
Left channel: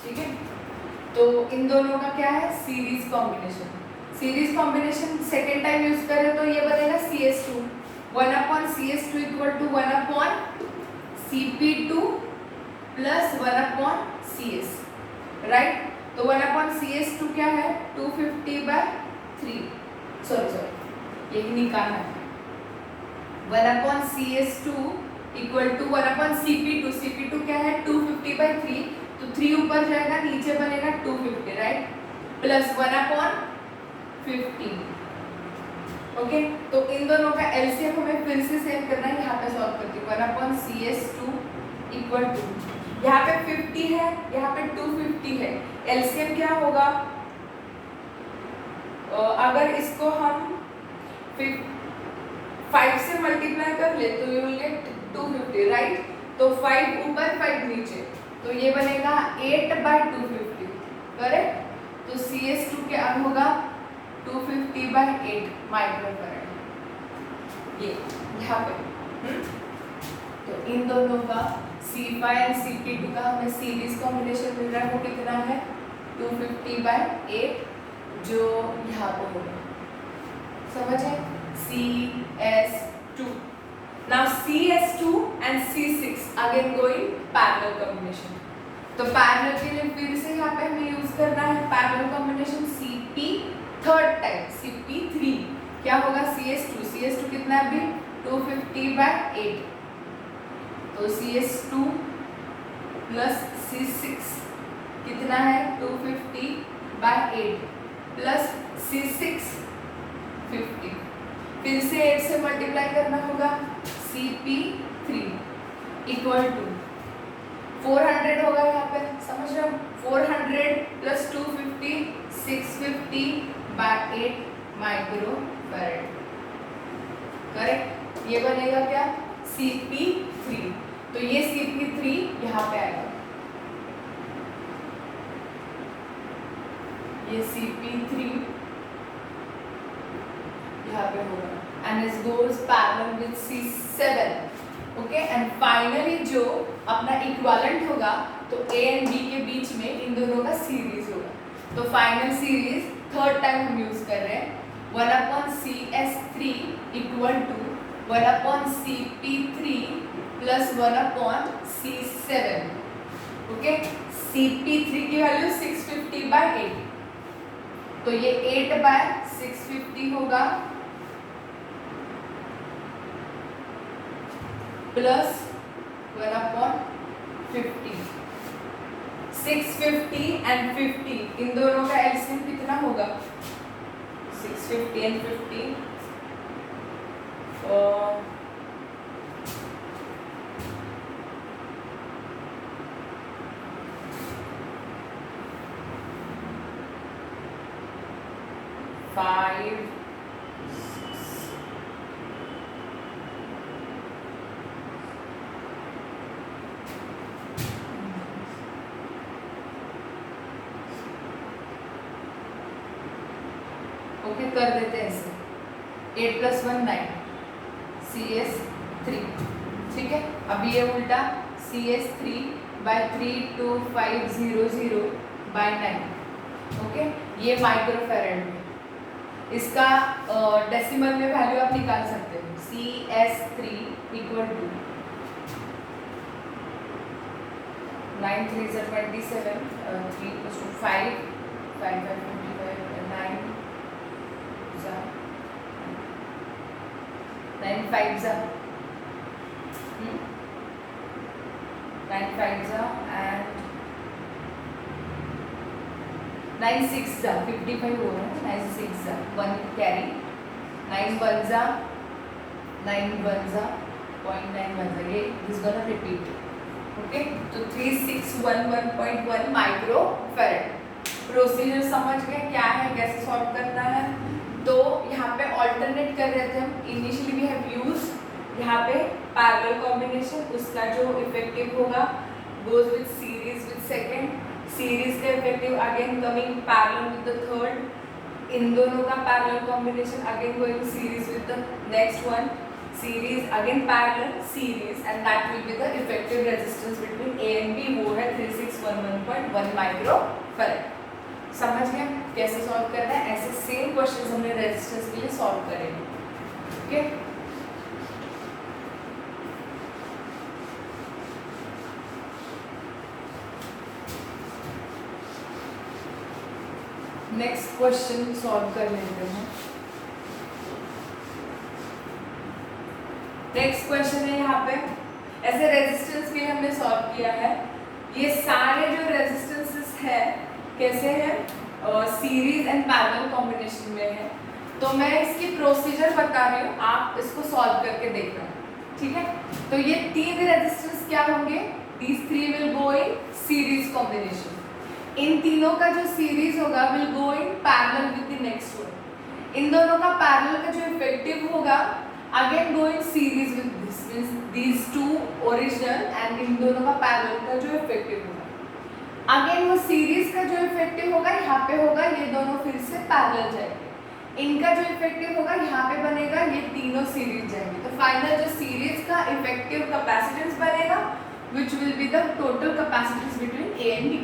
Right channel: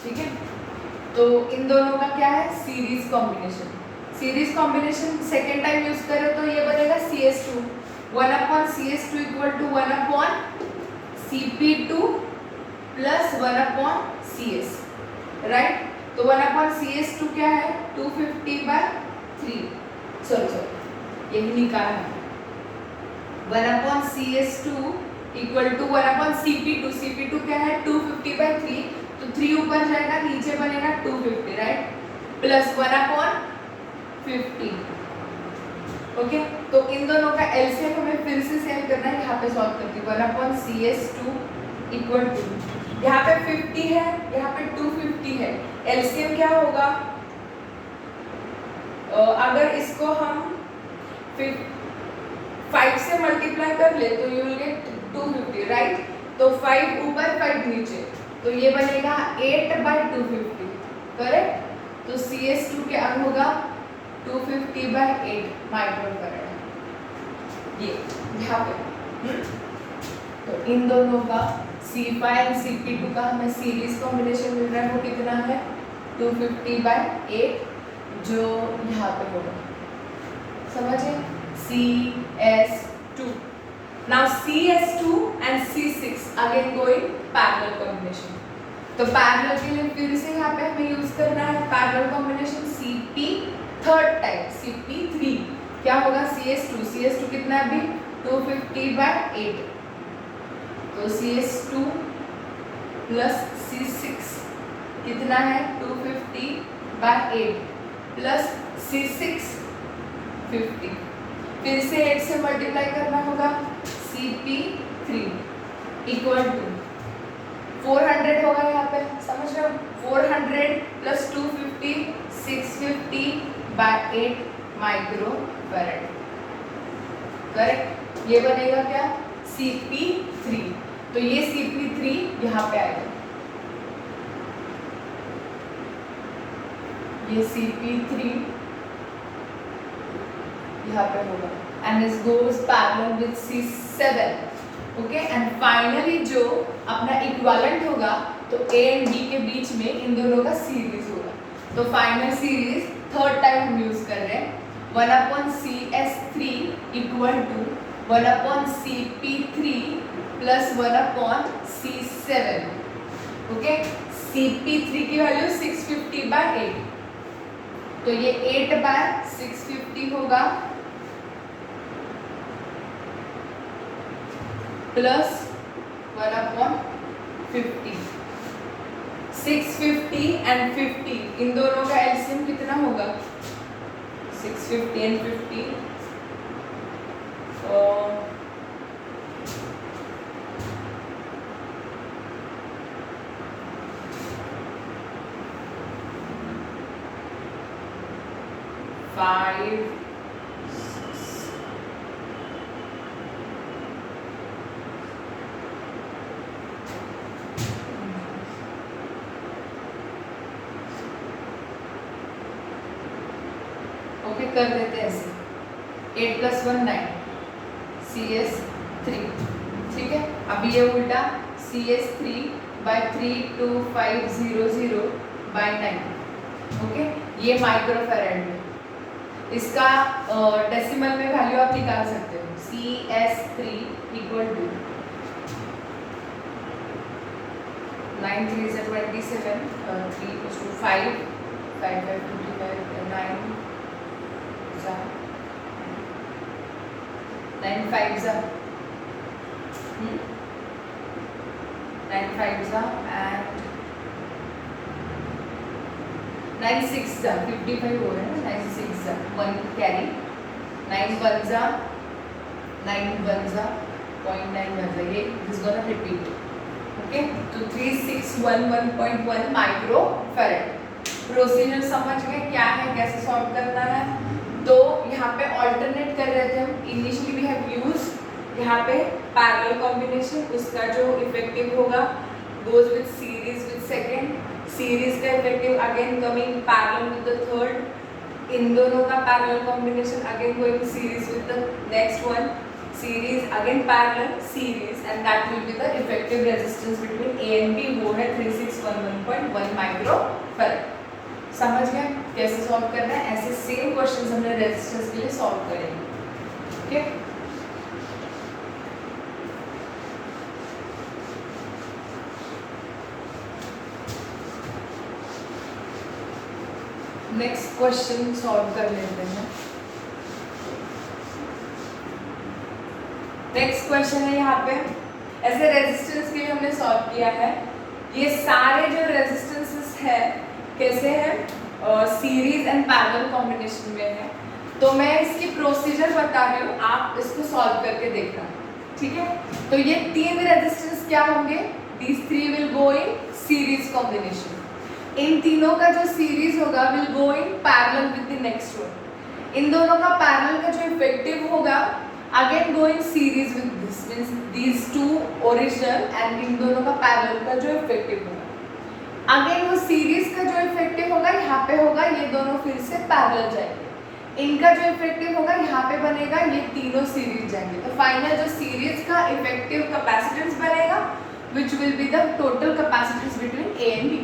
ठीक है। तो इन दोनों का क्या है series combination. Series combination second time use करें तो ये बनेगा CS2 1/CS2 equal to 1/Cp2 plus 1/CS, right. तो 1/CS2 क्या है 250/3, सॉरी यही निकालना है। 1/CS2 equal to 1/Cp2, Cp2 क्या है 250/3, तो 3 ऊपर जाएगा नीचे बनेगा 250, राइट, प्लस 1/50। ओके, तो इन दोनों का एलसीएम हमें फिर से सेम करना है। यहाँ पे सॉल्व करती हूँ 1/CS2 इक्वल टू यहाँ पे 50 है, यहाँ पे 250 है। एलसीएम क्या होगा, अगर इसको हम 5 से मल्टीप्लाई कर ले तो यू विल गेट 250, राइट। तो 5 ऊपर 5 नीचे, तो ये बनेगा 8/250, करेक्ट। तो CS2 क्या होगा 250/8 माइक्रोफैराड, ये यहाँ पे। तो इन दोनों का C5 और Cp2 का हमें सीरीज कॉम्बिनेशन मिल रहा है, वो कितना है 250/8, जो यहाँ पे होगा, समझे। CS2, now CS2 and C6 again go in parallel combination। तो पैरेलल के लिए फिर से यहाँ पे हमें यूज करना है parallel combination Cp third type Cp3 क्या होगा CS2 कितना है अभी 250/8, तो CS2 प्लस C6 कितना है 250/8 प्लस C6 50, फिर से 8 से मल्टीप्लाई करना होगा। Cp3 इक्वल टू 400 होगा यहाँ पे, समझ रहे हो, 400 प्लस 250 650/8 माइक्रोफैराड, करेक्ट। ये बनेगा क्या Cp3, तो ये Cp3 यहाँ पे आएगा, ये Cp3 यहाँ पे होगा, and this goes parallel with C7, okay। and finally जो अपना इक्विवेलेंट होगा तो A and B के बीच में इन दोनों का सीरीज होगा। तो फाइनल सीरीज थर्ड टाइम हम यूज कर रहे हैं 1/CS3 equal to 1/Cp3 plus 1/C7, okay. Cp3 की वैल्यू 650/8, तो ये 8/650 होगा प्लस 1/50। 650 एंड 50 इन दोनों का एलसीएम कितना होगा 650 एंड 50, 5 ओके कर देते हैं ऐसे 8 + 1 9 CS3, ठीक है। अभी ये उल्टा CS3/32500/9, ओके। ये माइक्रोफैराड में, इसका डेसिमल में वैल्यू आप निकाल सकते हो। CS3 इक्वल टू 9 3 = 27, 3 = 5 5 5 25 9 9 5 9 5 and 9 6 55 हो रहा है ना, 9 6 1 कैरी, 9 1 9 1 0.9 1, ये इज गोना रिपीट, ओके, तो 3611.1 माइक्रो फैरेड। प्रोसीजर समझ गए क्या है, कैसे सॉल्व करना है। तो यहाँ पे ऑल्टरनेट कर रहे थे हम। इनिशियली वी हैव यूज यहाँ पे पैरेलल कॉम्बिनेशन, उसका जो इफेक्टिव होगा goes with series with second, series का effective again coming parallel with the third, इन दोनों का parallel combination again going series with the next one, series again parallel series, and that will be the effective resistance between A and B, वो है 3611.1 माइक्रो फैरेड। समझ गए कैसे सॉल्व करना है। ऐसे सेम क्वेश्चंस हमने रेजिस्टेंस के लिए सॉल्व करेंगे। ओके, नेक्स्ट क्वेश्चन सॉल्व कर लेते हैं। नेक्स्ट क्वेश्चन है यहाँ पे, ऐसे रेजिस्टेंस के लिए हमने सॉल्व किया है। ये सारे जो रेजिस्टेंसेस है कैसे है, सीरीज एंड पैरेलल कॉम्बिनेशन में है। तो मैं इसकी प्रोसीजर बता रही हूँ, आप इसको सॉल्व करके देखना, ठीक है। तो ये तीन रेजिस्टेंस क्या होंगे, these three will go in series combination। इन तीनों का जो सीरीज होगा will go in parallel with the next one। इन दोनों का पैरेलल का जो इफेक्टिव होगा again go in series with this, means these two original, and इन दोनों का पैरेलल का जो इफेक्टिव होगा अगेन वो सीरीज का जो इफेक्टिव होगा यहाँ पे होगा, ये दोनों फिर से पैरेलल जाएंगे। इनका जो इफेक्टिव होगा यहाँ पे बनेगा, ये तीनों सीरीज जाएंगे। तो फाइनल जो सीरीज का इफेक्टिव कैपेसिटेंस बनेगा which will be the total capacitance between A and B.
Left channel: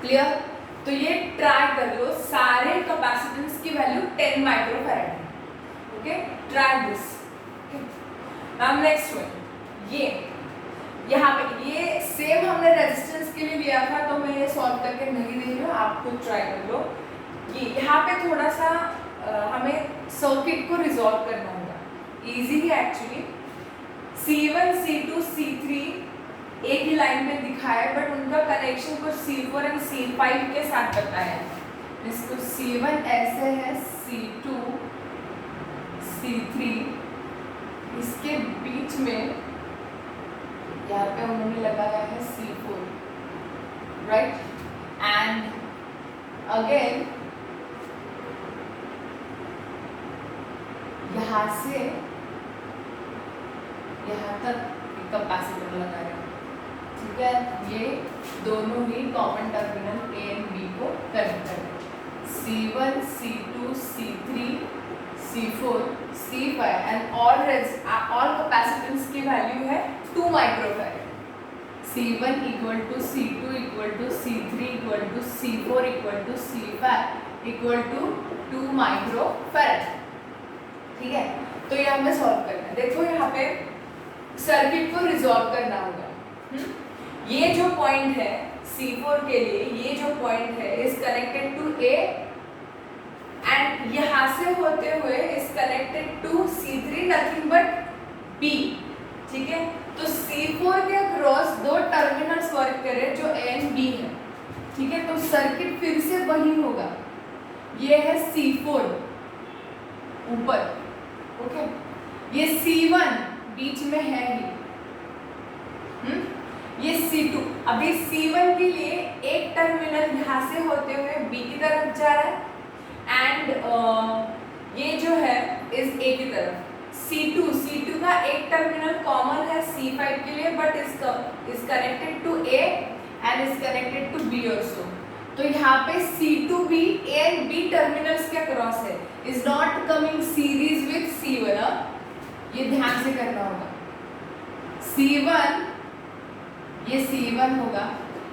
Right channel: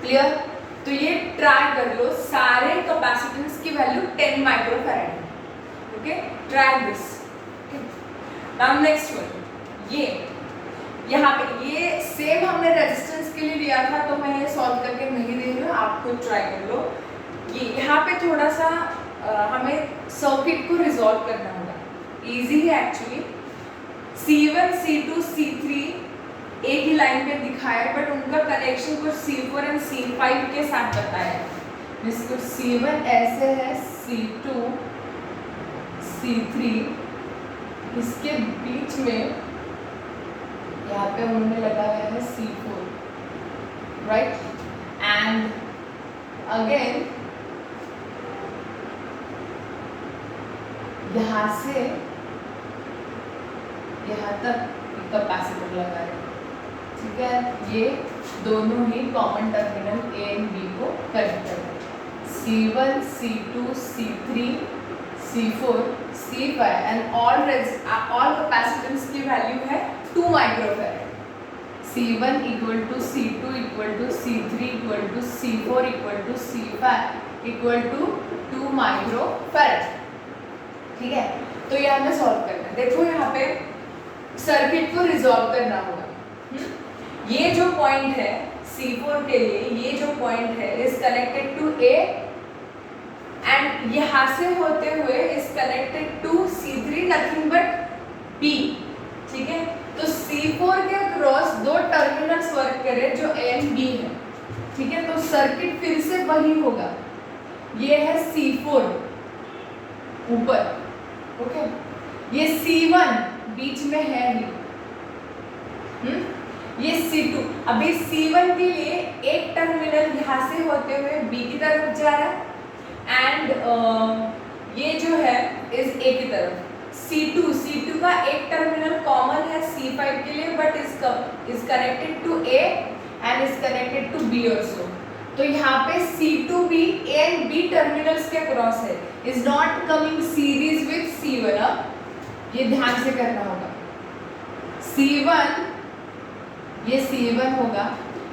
Clear? तो ये ट्राई कर लो, सारे कैपेसिटेंस की वैल्यू 10 माइक्रोफैराड है। Okay, try this. Now next one, ये यहाँ पे ये सेम हमने रेजिस्टेंस के लिए लिया था, तो मैं ये सॉल्व करके नहीं दे रही हूँ, आप खुद ट्राई कर लो। ये यहाँ पे थोड़ा सा हमें सर्किट को रिजॉल्व करना होगा, इजी है एक्चुअली। C1, C2, C3 एक ही लाइन पे दिखाया है, बट उनका कनेक्शन कुछ C4 एंड C5 के साथ बताया है। इसको C1 ऐसे है, C2, C3, इसके बीच में यहाँ पे उन्होंने लगाया है C4, राइट, एंड अगेन यहाँ से यहाँ तक कैपेसिटर लगाया, ठीक है। ये दोनों ही common terminal A and B को कनेक्ट कर रहे हैं। C1, C2, C3, C4, C5 and all capacitance की वैल्यू है 2 microfarad. C1 equal to C2 equal to C3 equal to C4 equal to C5 equal to 2 microfarad, ठीक है। तो ये हमें सॉल्व करना है। देखो यहाँ पे सर्किट को रिजॉल्व करना होगा। ये जो पॉइंट है C4 के लिए, ये जो पॉइंट है is connected to A and यहाँ से होते हुए is connected to C3 nothing but B, ठीक है। तो C4 के क्रॉस दो टर्मिनल्स वर्क करें जो A एंड B है, ठीक है। तो सर्किट फिर से वही होगा, ये है C4 ऊपर, ओके, ये C1 बीच में है ही, ये C2। अभी C1 के लिए एक टर्मिनल यहाँ से होते हुए B की तरफ जा रहा है एंड ये जो है इस A की तरफ। C2 का एक टर्मिनल कॉमन है C5 के लिए, but is connected to A and is connected to B also. तो यहाँ पे C2B A and B terminals के क्रॉस है, is not coming series with C1। ये ध्यान से करना होगा। C1 ये C1 होगा,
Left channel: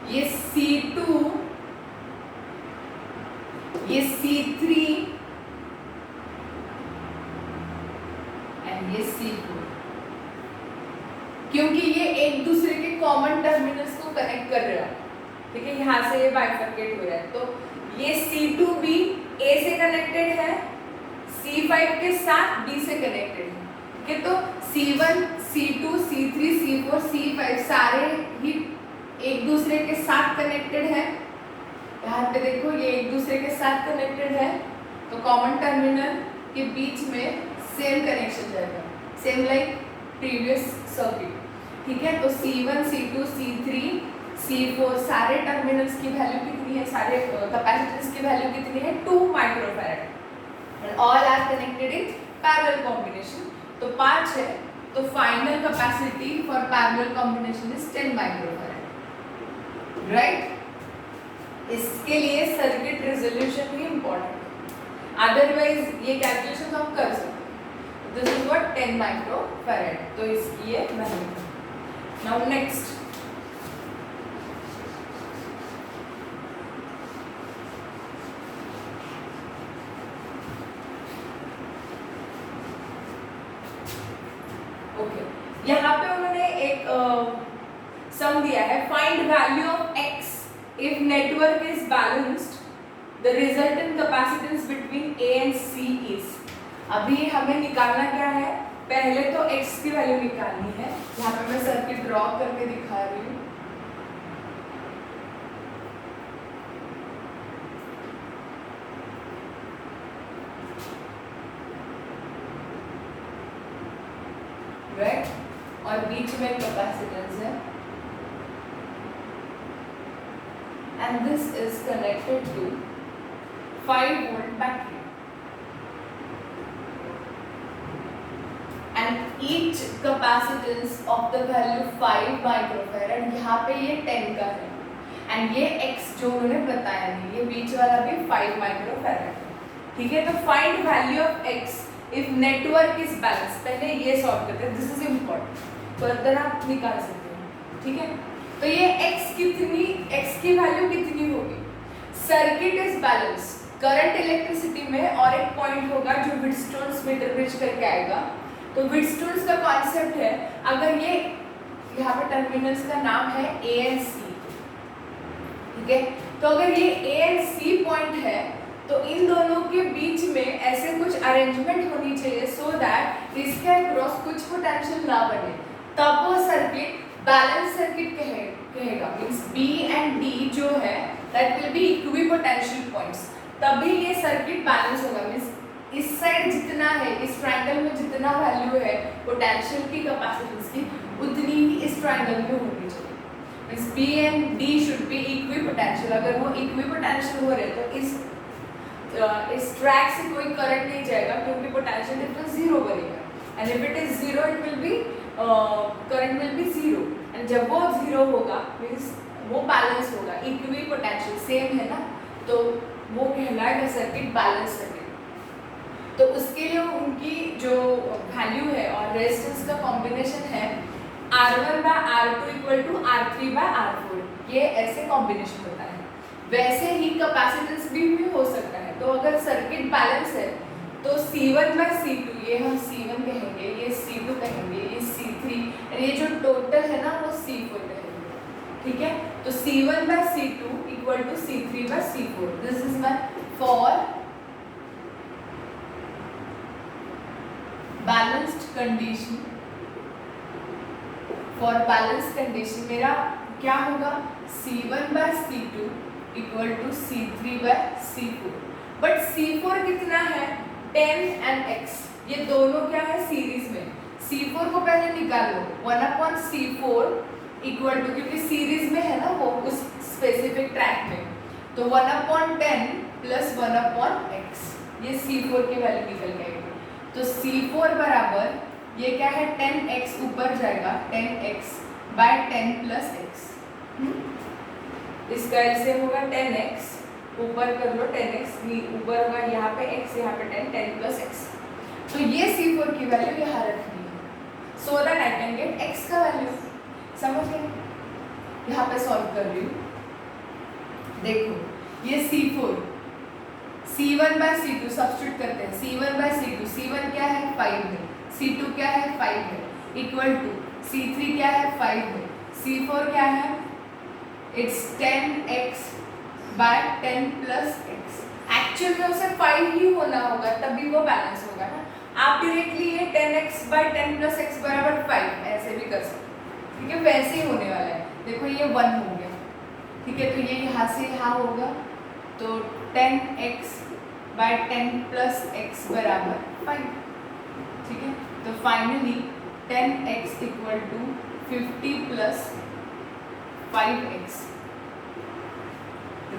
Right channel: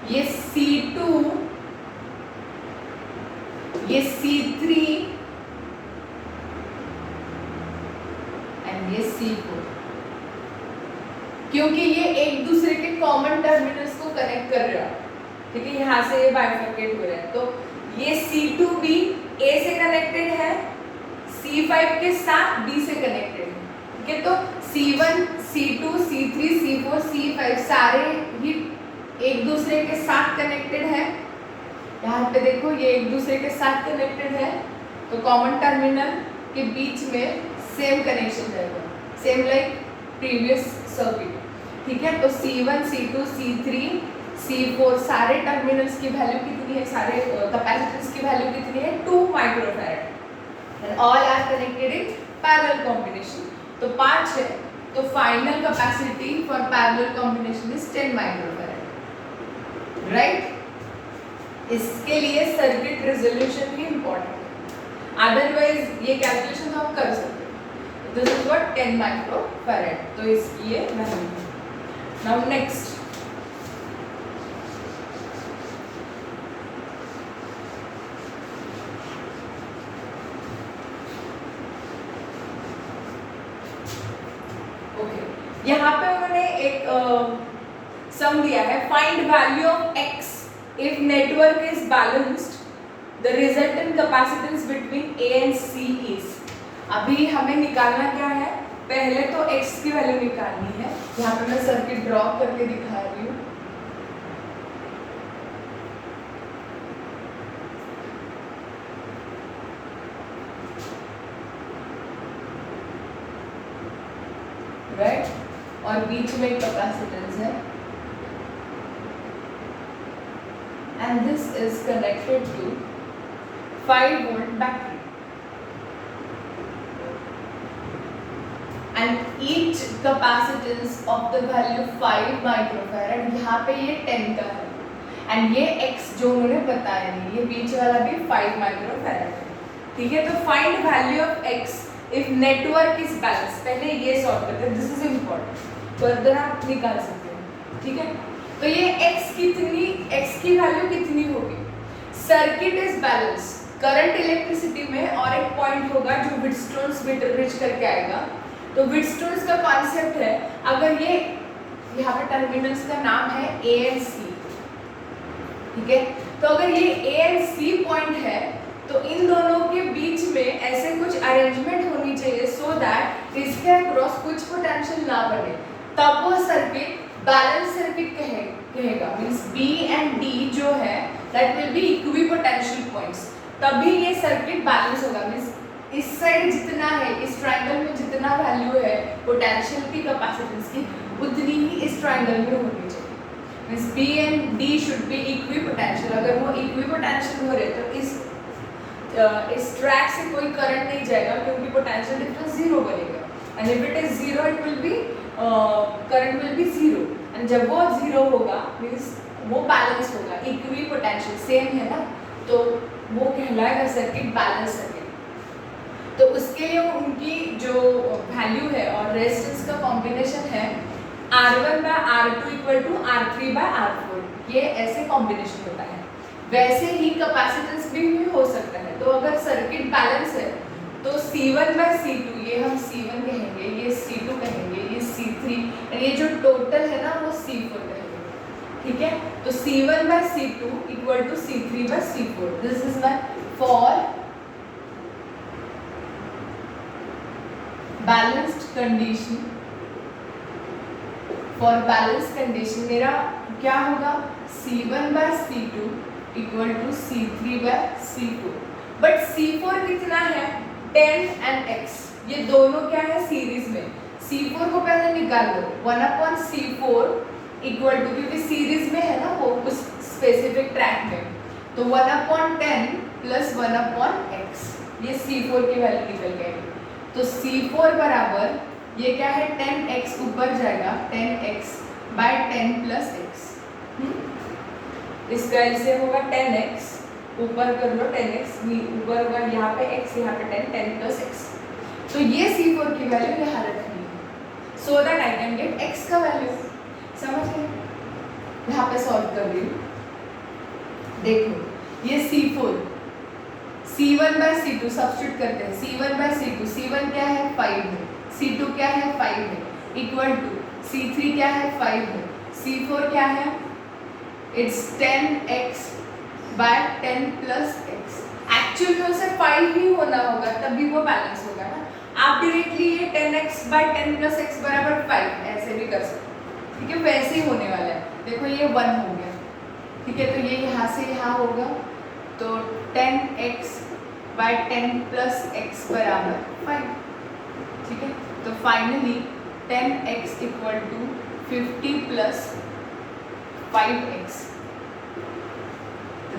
ये C2, ये C3 एंड ये C4, क्योंकि ये एक दूसरे के कॉमन टर्मिनल्स को कनेक्ट कर रहा है, ठीक है। यहाँ से ये बाइफरकेट हो रहा है, तो ये C2B A से कनेक्टेड है, C5 के साथ B से कनेक्टेड है, ठीक है। तो C1, C2, C3, C4, C5 सारे ही एक दूसरे के साथ कनेक्टेड है। यहाँ पे देखो ये एक दूसरे के साथ कनेक्टेड है, तो कॉमन टर्मिनल के बीच में सेम कनेक्शन रहेगा, सेम लाइक प्रीवियस सर्किट। ठीक है, तो C1 C2 C3 C4 सारे टर्मिनल्स की वैल्यू कितनी है, सारे कैपेसिटेंस की वैल्यू कितनी है, 2 microfarad and all are connected in parallel combination. तो 5 है, तो final capacity for parallel combination is 10 microfarad, right. इसके लिए सर्किट रेजोल्यूशन भी इंपॉर्टेंट है, अदरवाइज ये कैलकुलेशन तो आप कर सकते हो। दिस इज व्हाट 10 माइक्रोफैराड, तो इसकी ये वैल्यू। नाउ नेक्स्ट, ओके, यहाँ पे उन्होंने एक सम दिया है, find value of x if network is balanced, the resultant capacitance between a and c is. अभी हमें निकालना क्या है, पहले तो x की वैल्यू निकालनी है। यहाँ पे मैं सर्किट ड्रॉ करके दिखा रही हूँ। राइट, और बीच में कैपेसिटेंस है and this is connected to 5 volt battery and each capacitance of the value 5 microfarad. यहाँ पे ये 10 का है एंड ये x जो उन्होंने बताया नहीं, ये बीच वाला भी 5 माइक्रोफैराड है, ठीक है। तो find value of x if network is balance, पहले ये सॉल्व करते हैं, दिस इज इम्पोर्टेंट, फर्दर आप निकाल सकते हैं, ठीक है। तो ये x की वैल्यू कितनी होगी, circuit is balance, current electricity में, और एक पॉइंट होगा जो व्हीटस्टोन्स मीटर ब्रिज करके आएगा। तो व्हीटस्टोन्स का कॉन्सेप्ट है, अगर ये यहाँ पे टर्मिनल्स का नाम है A एंड C, ठीक है, तो अगर ये A एंड C पॉइंट है तो इन दोनों के बीच में ऐसे कुछ अरेंजमेंट होनी चाहिए सो दैट इसके अक्रॉस कुछ पोटेंशियल ना बने, तब वो सर्किट बैलेंस सर्किट कहेगा। मींस B एंड D जो है that will B equipotential points, तभी ये सर्किट बैलेंस होगा। मींस इस साइड जितना है, इस ट्रायंगल में जितना वैल्यू है पोटेंशियल की, कैपेसिटेंस की, उतनी ही इस ट्रायंगल में होनी चाहिए। Means B and D should be equipotential. अगर वो इक्विपोटेंशियल हो रहे तो इस ट्रैक से कोई करंट नहीं जाएगा क्योंकि पोटेंशियल डिफरेंस जीरो बनेगा, and if it is zero it will be current will be zero, and जब वो जीरो होगा मींस वो बैलेंस होगा, इक्वी पोटेंशियल सेम है ना, तो वो कहलाएगा सर्किट बैलेंस सर्किट। तो उसके लिए उनकी जो वैल्यू है और रेजिस्टेंस का कॉम्बिनेशन है R1 by R2 equal to R3 by R4, ये ऐसे कॉम्बिनेशन होता है। वैसे ही कैपेसिटेंस भी हो सकता है, तो अगर सर्किट बैलेंस है तो C1 by C2, ये हम C1 कहेंगे, ये C2 कहेंगे, ये C3, और ये जो टोटल है ना वो C4 कहेंगे, ठीक है। तो C1 by C2 equal to C3 by C4, this is my for balanced condition. For balance condition मेरा क्या होगा, C1 by C2 equal to C3 by C4, but C4 कितना है 10 and x, ये दोनों क्या है सीरीज में। C4 को पहले निकाल लो, 1/C4 इक्वल टू, क्योंकि सीरीज में है ना वो कुछ स्पेसिफिक ट्रैक में, तो 1/10 प्लस 1/x, ये C4 की वैल्यू निकल जाएगी। तो C4 बराबर ये क्या है 10x, ऊपर जाएगा 10x by 10 plus x, इसका एलसीएम होगा 10x, ऊपर कर लो 10x, ऊपर होगा यहाँ पे x, यहाँ पे 10 plus x। तो ये C4 की वैल्यू यहाँ रखनी है so that I can get x का वैल्यू। समझ गए? यहाँ पे सॉल्व कर रही हूँ, देखो ये C4 C1 by C2 substitute करते हैं, C1 by C2, C1 क्या है 5 है, C2 क्या है 5 है, इक्वल टू C3 क्या है 5 है, C4 क्या है it's 10x by 10 plus x। Actual में उसे 5 ही होना होगा तभी वो बैलेंस होगा ना। आप डायरेक्टली ये 10x by 10 plus x बराबर 5 ऐसे भी कर सकते हो, ठीक है, वैसे ही होने वाला है। देखो ये 1 हो गया, ठीक है, तो ये यहाँ से यहाँ होगा, तो 10x by 10 plus x बराबर 5, ठीक है। तो finally 10x equal to 50 plus 5x,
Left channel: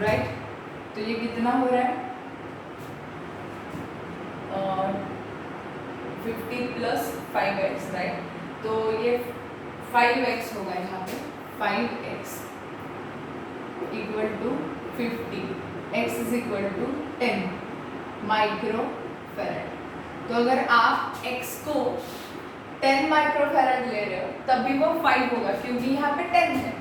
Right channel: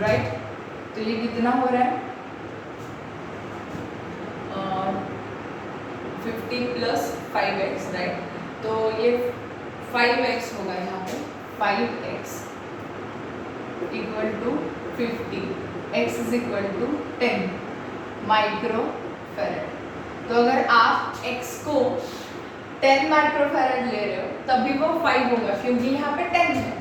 right. तो ये कितना हो रहा है? 50 प्लस 5x, राइट। तो ये 5x होगा यहाँ पे, 5x equal to 50, x is equal to 10 microfarad. तो अगर आप x को 10 माइक्रो फैराड ले रहे हो तब भी वो 5 होगा, क्योंकि यहाँ पे 10 है।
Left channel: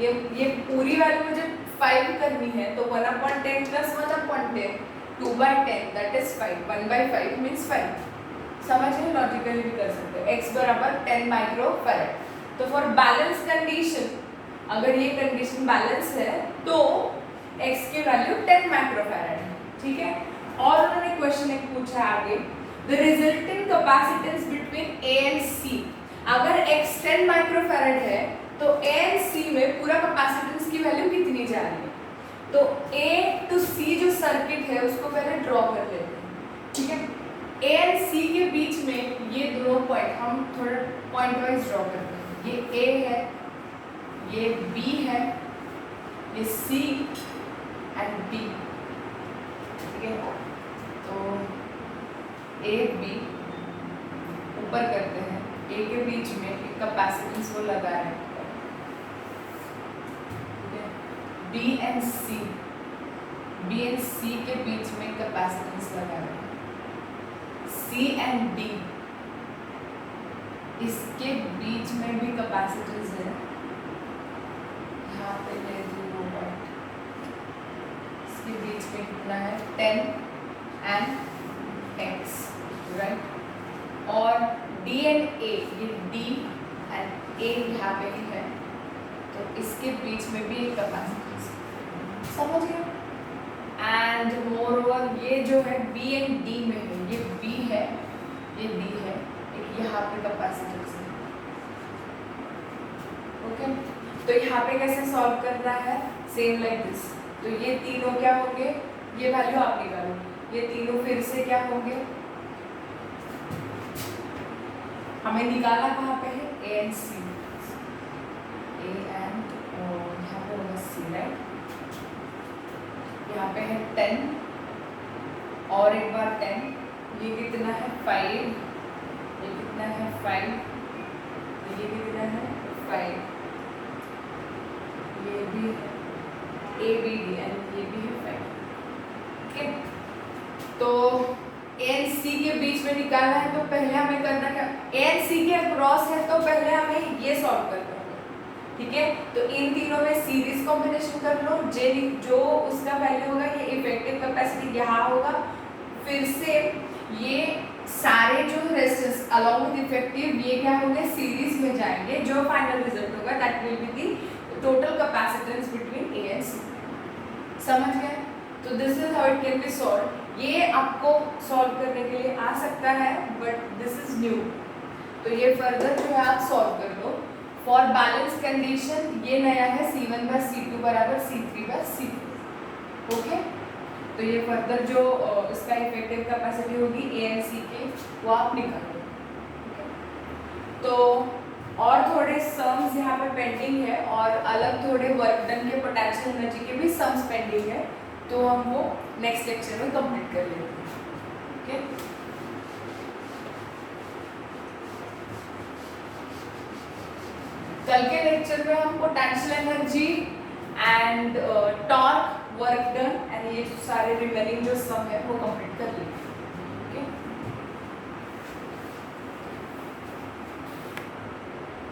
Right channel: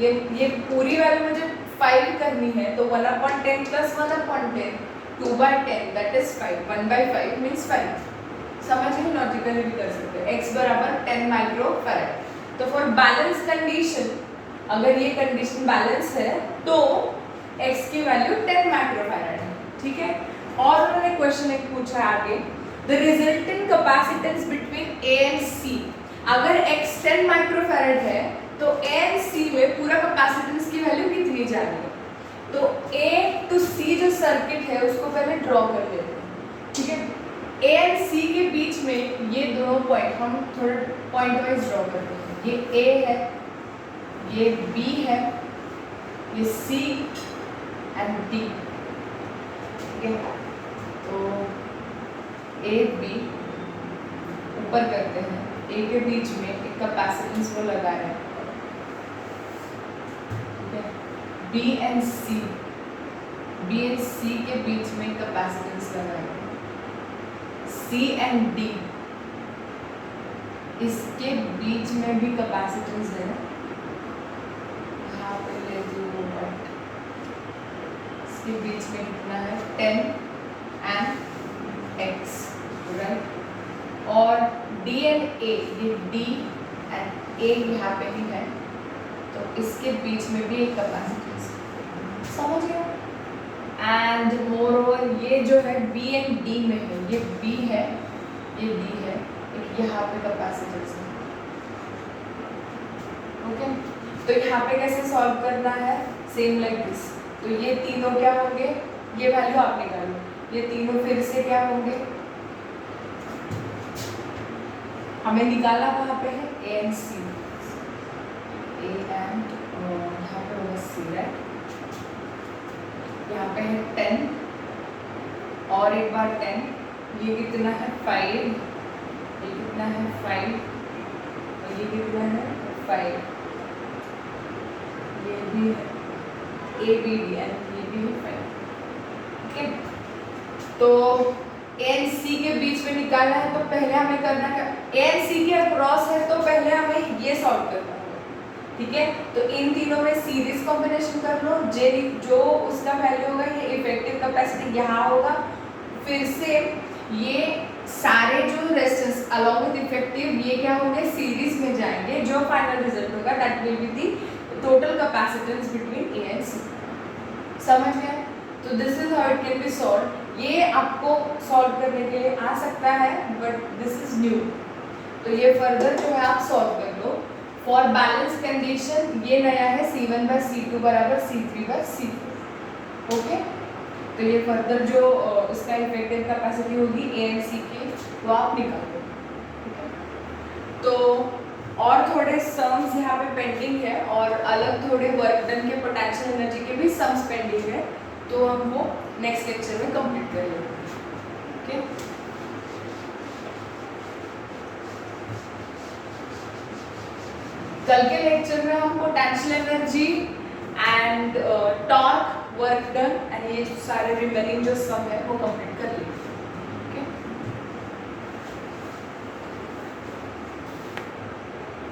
ये पूरी वैल्यू मुझे 5 करनी है, तो 1/10 प्लस 1/10, 2/10 दैट इज 5, 1/5 मीन्स 5। समझिए, लॉजिकली भी कर सकते हैं। x बराबर 10 माइक्रो फैराड। तो फॉर बैलेंस कंडीशन, अगर ये कंडीशन बैलेंस है तो x की वैल्यू 10 माइक्रो फैराड है, ठीक है। और उन्होंने क्वेश्चन एक पूछा आगे, the resultant capacitance between a and c। अगर x 10 माइक्रो फैराड है तो a एंड c में पूरा कैपेसिटेंस की वैल्यू कितनी जा रही है? तो a टू c जो सर्किट है उसको पहले ड्रॉ कर लेते हैं, ठीक है। a एंड c के बीच में ये दोनों पॉइंट हम थोड़ा पॉइंट वाइज ड्रॉ करते हैं। ये a है, ये b है, ये c एंड d, ठीक है। तो a b ऊपर करते हैं, a के बीच में एक कैपेसिटेंस वो लगा रहे हैं, ठीक है। b एंड c के बीच में कैपेसिटेंस लगा रहे हैं, C एंड D इसके बीच में भी कैपेसिटेंस है, यहाँ पे ले 0, इसके बीच में कितना है 10 एंड x, राइट। और D एंड A, ये D एंड A यहाँ पे ही है, तो इसके बीच में भी एक कैपेसिटेंस, समझ गए। एंड मोरओवर ये जो है B एंड D में है, ये B है, ये D है, एक यहाँ पे कैपेसिटेंस है, ओके। तो यहाँ पे कैसे सॉल्व करना है? Same like this. तो ये तीनों क्या होंगे? ये वैल्यू आप निकालो, ये तीनों फिर से क्या होंगे? हमें निकालना कहाँ पे है? A and C, A and यहाँ पे होगा C, राइट। यहाँ पे है 10 और एक बार 10, ये कितना है 5, ये कितना है 5, और ये कितना है 5, ये भी है A B D एंड ये भी है 5, ठीक है। तो A एंड C के बीच में निकालना है, तो पहले हमें करना क्या? A एंड C के अक्रॉस है तो पहले हमें ये सॉल्व करना होगा, ठीक है। तो इन तीनों में सीरीज कॉम्बिनेशन कर लो, जो उसका वैल्यू होगा, ये इफेक्टिव कैपेसिटी यहाँ होगा, फिर से ये सारे जो रेजिस्टेंस अलोंग विद इफेक्टिव ये क्या होंगे? सीरीज में जाएंगे, जो फाइनल रिजल्ट होगा that will be the total capacitance between A and C। समझ गए? तो this is how it can be solve. ये आपको सॉल्व करने के लिए आ सकता है, बट दिस इज न्यू, तो ये फर्दर जो है आप सॉल्व कर लो। फॉर बैलेंस कंडीशन ये नया है, C1/C2 बराबर C3/C4, ओके। तो ये फर्दर जो इसका इफेक्टिव कैपेसिटी होगी A एंड C के, वो आप निकाल लो, ठीक है। तो और थोड़े सम्स यहाँ पे पेंडिंग है, और अलग थोड़े वर्क डन के पोटेंशियल एनर्जी के भी सम्स पेंडिंग है, तो हम वो नेक्स्ट लेक्चर में कंप्लीट कर लेंगे, ठीक है। कल के लेक्चर में हम potential energy and torque, work done and ये सारे रिमेनिंग जो सम है वो कंप्लीट कर लेंगे।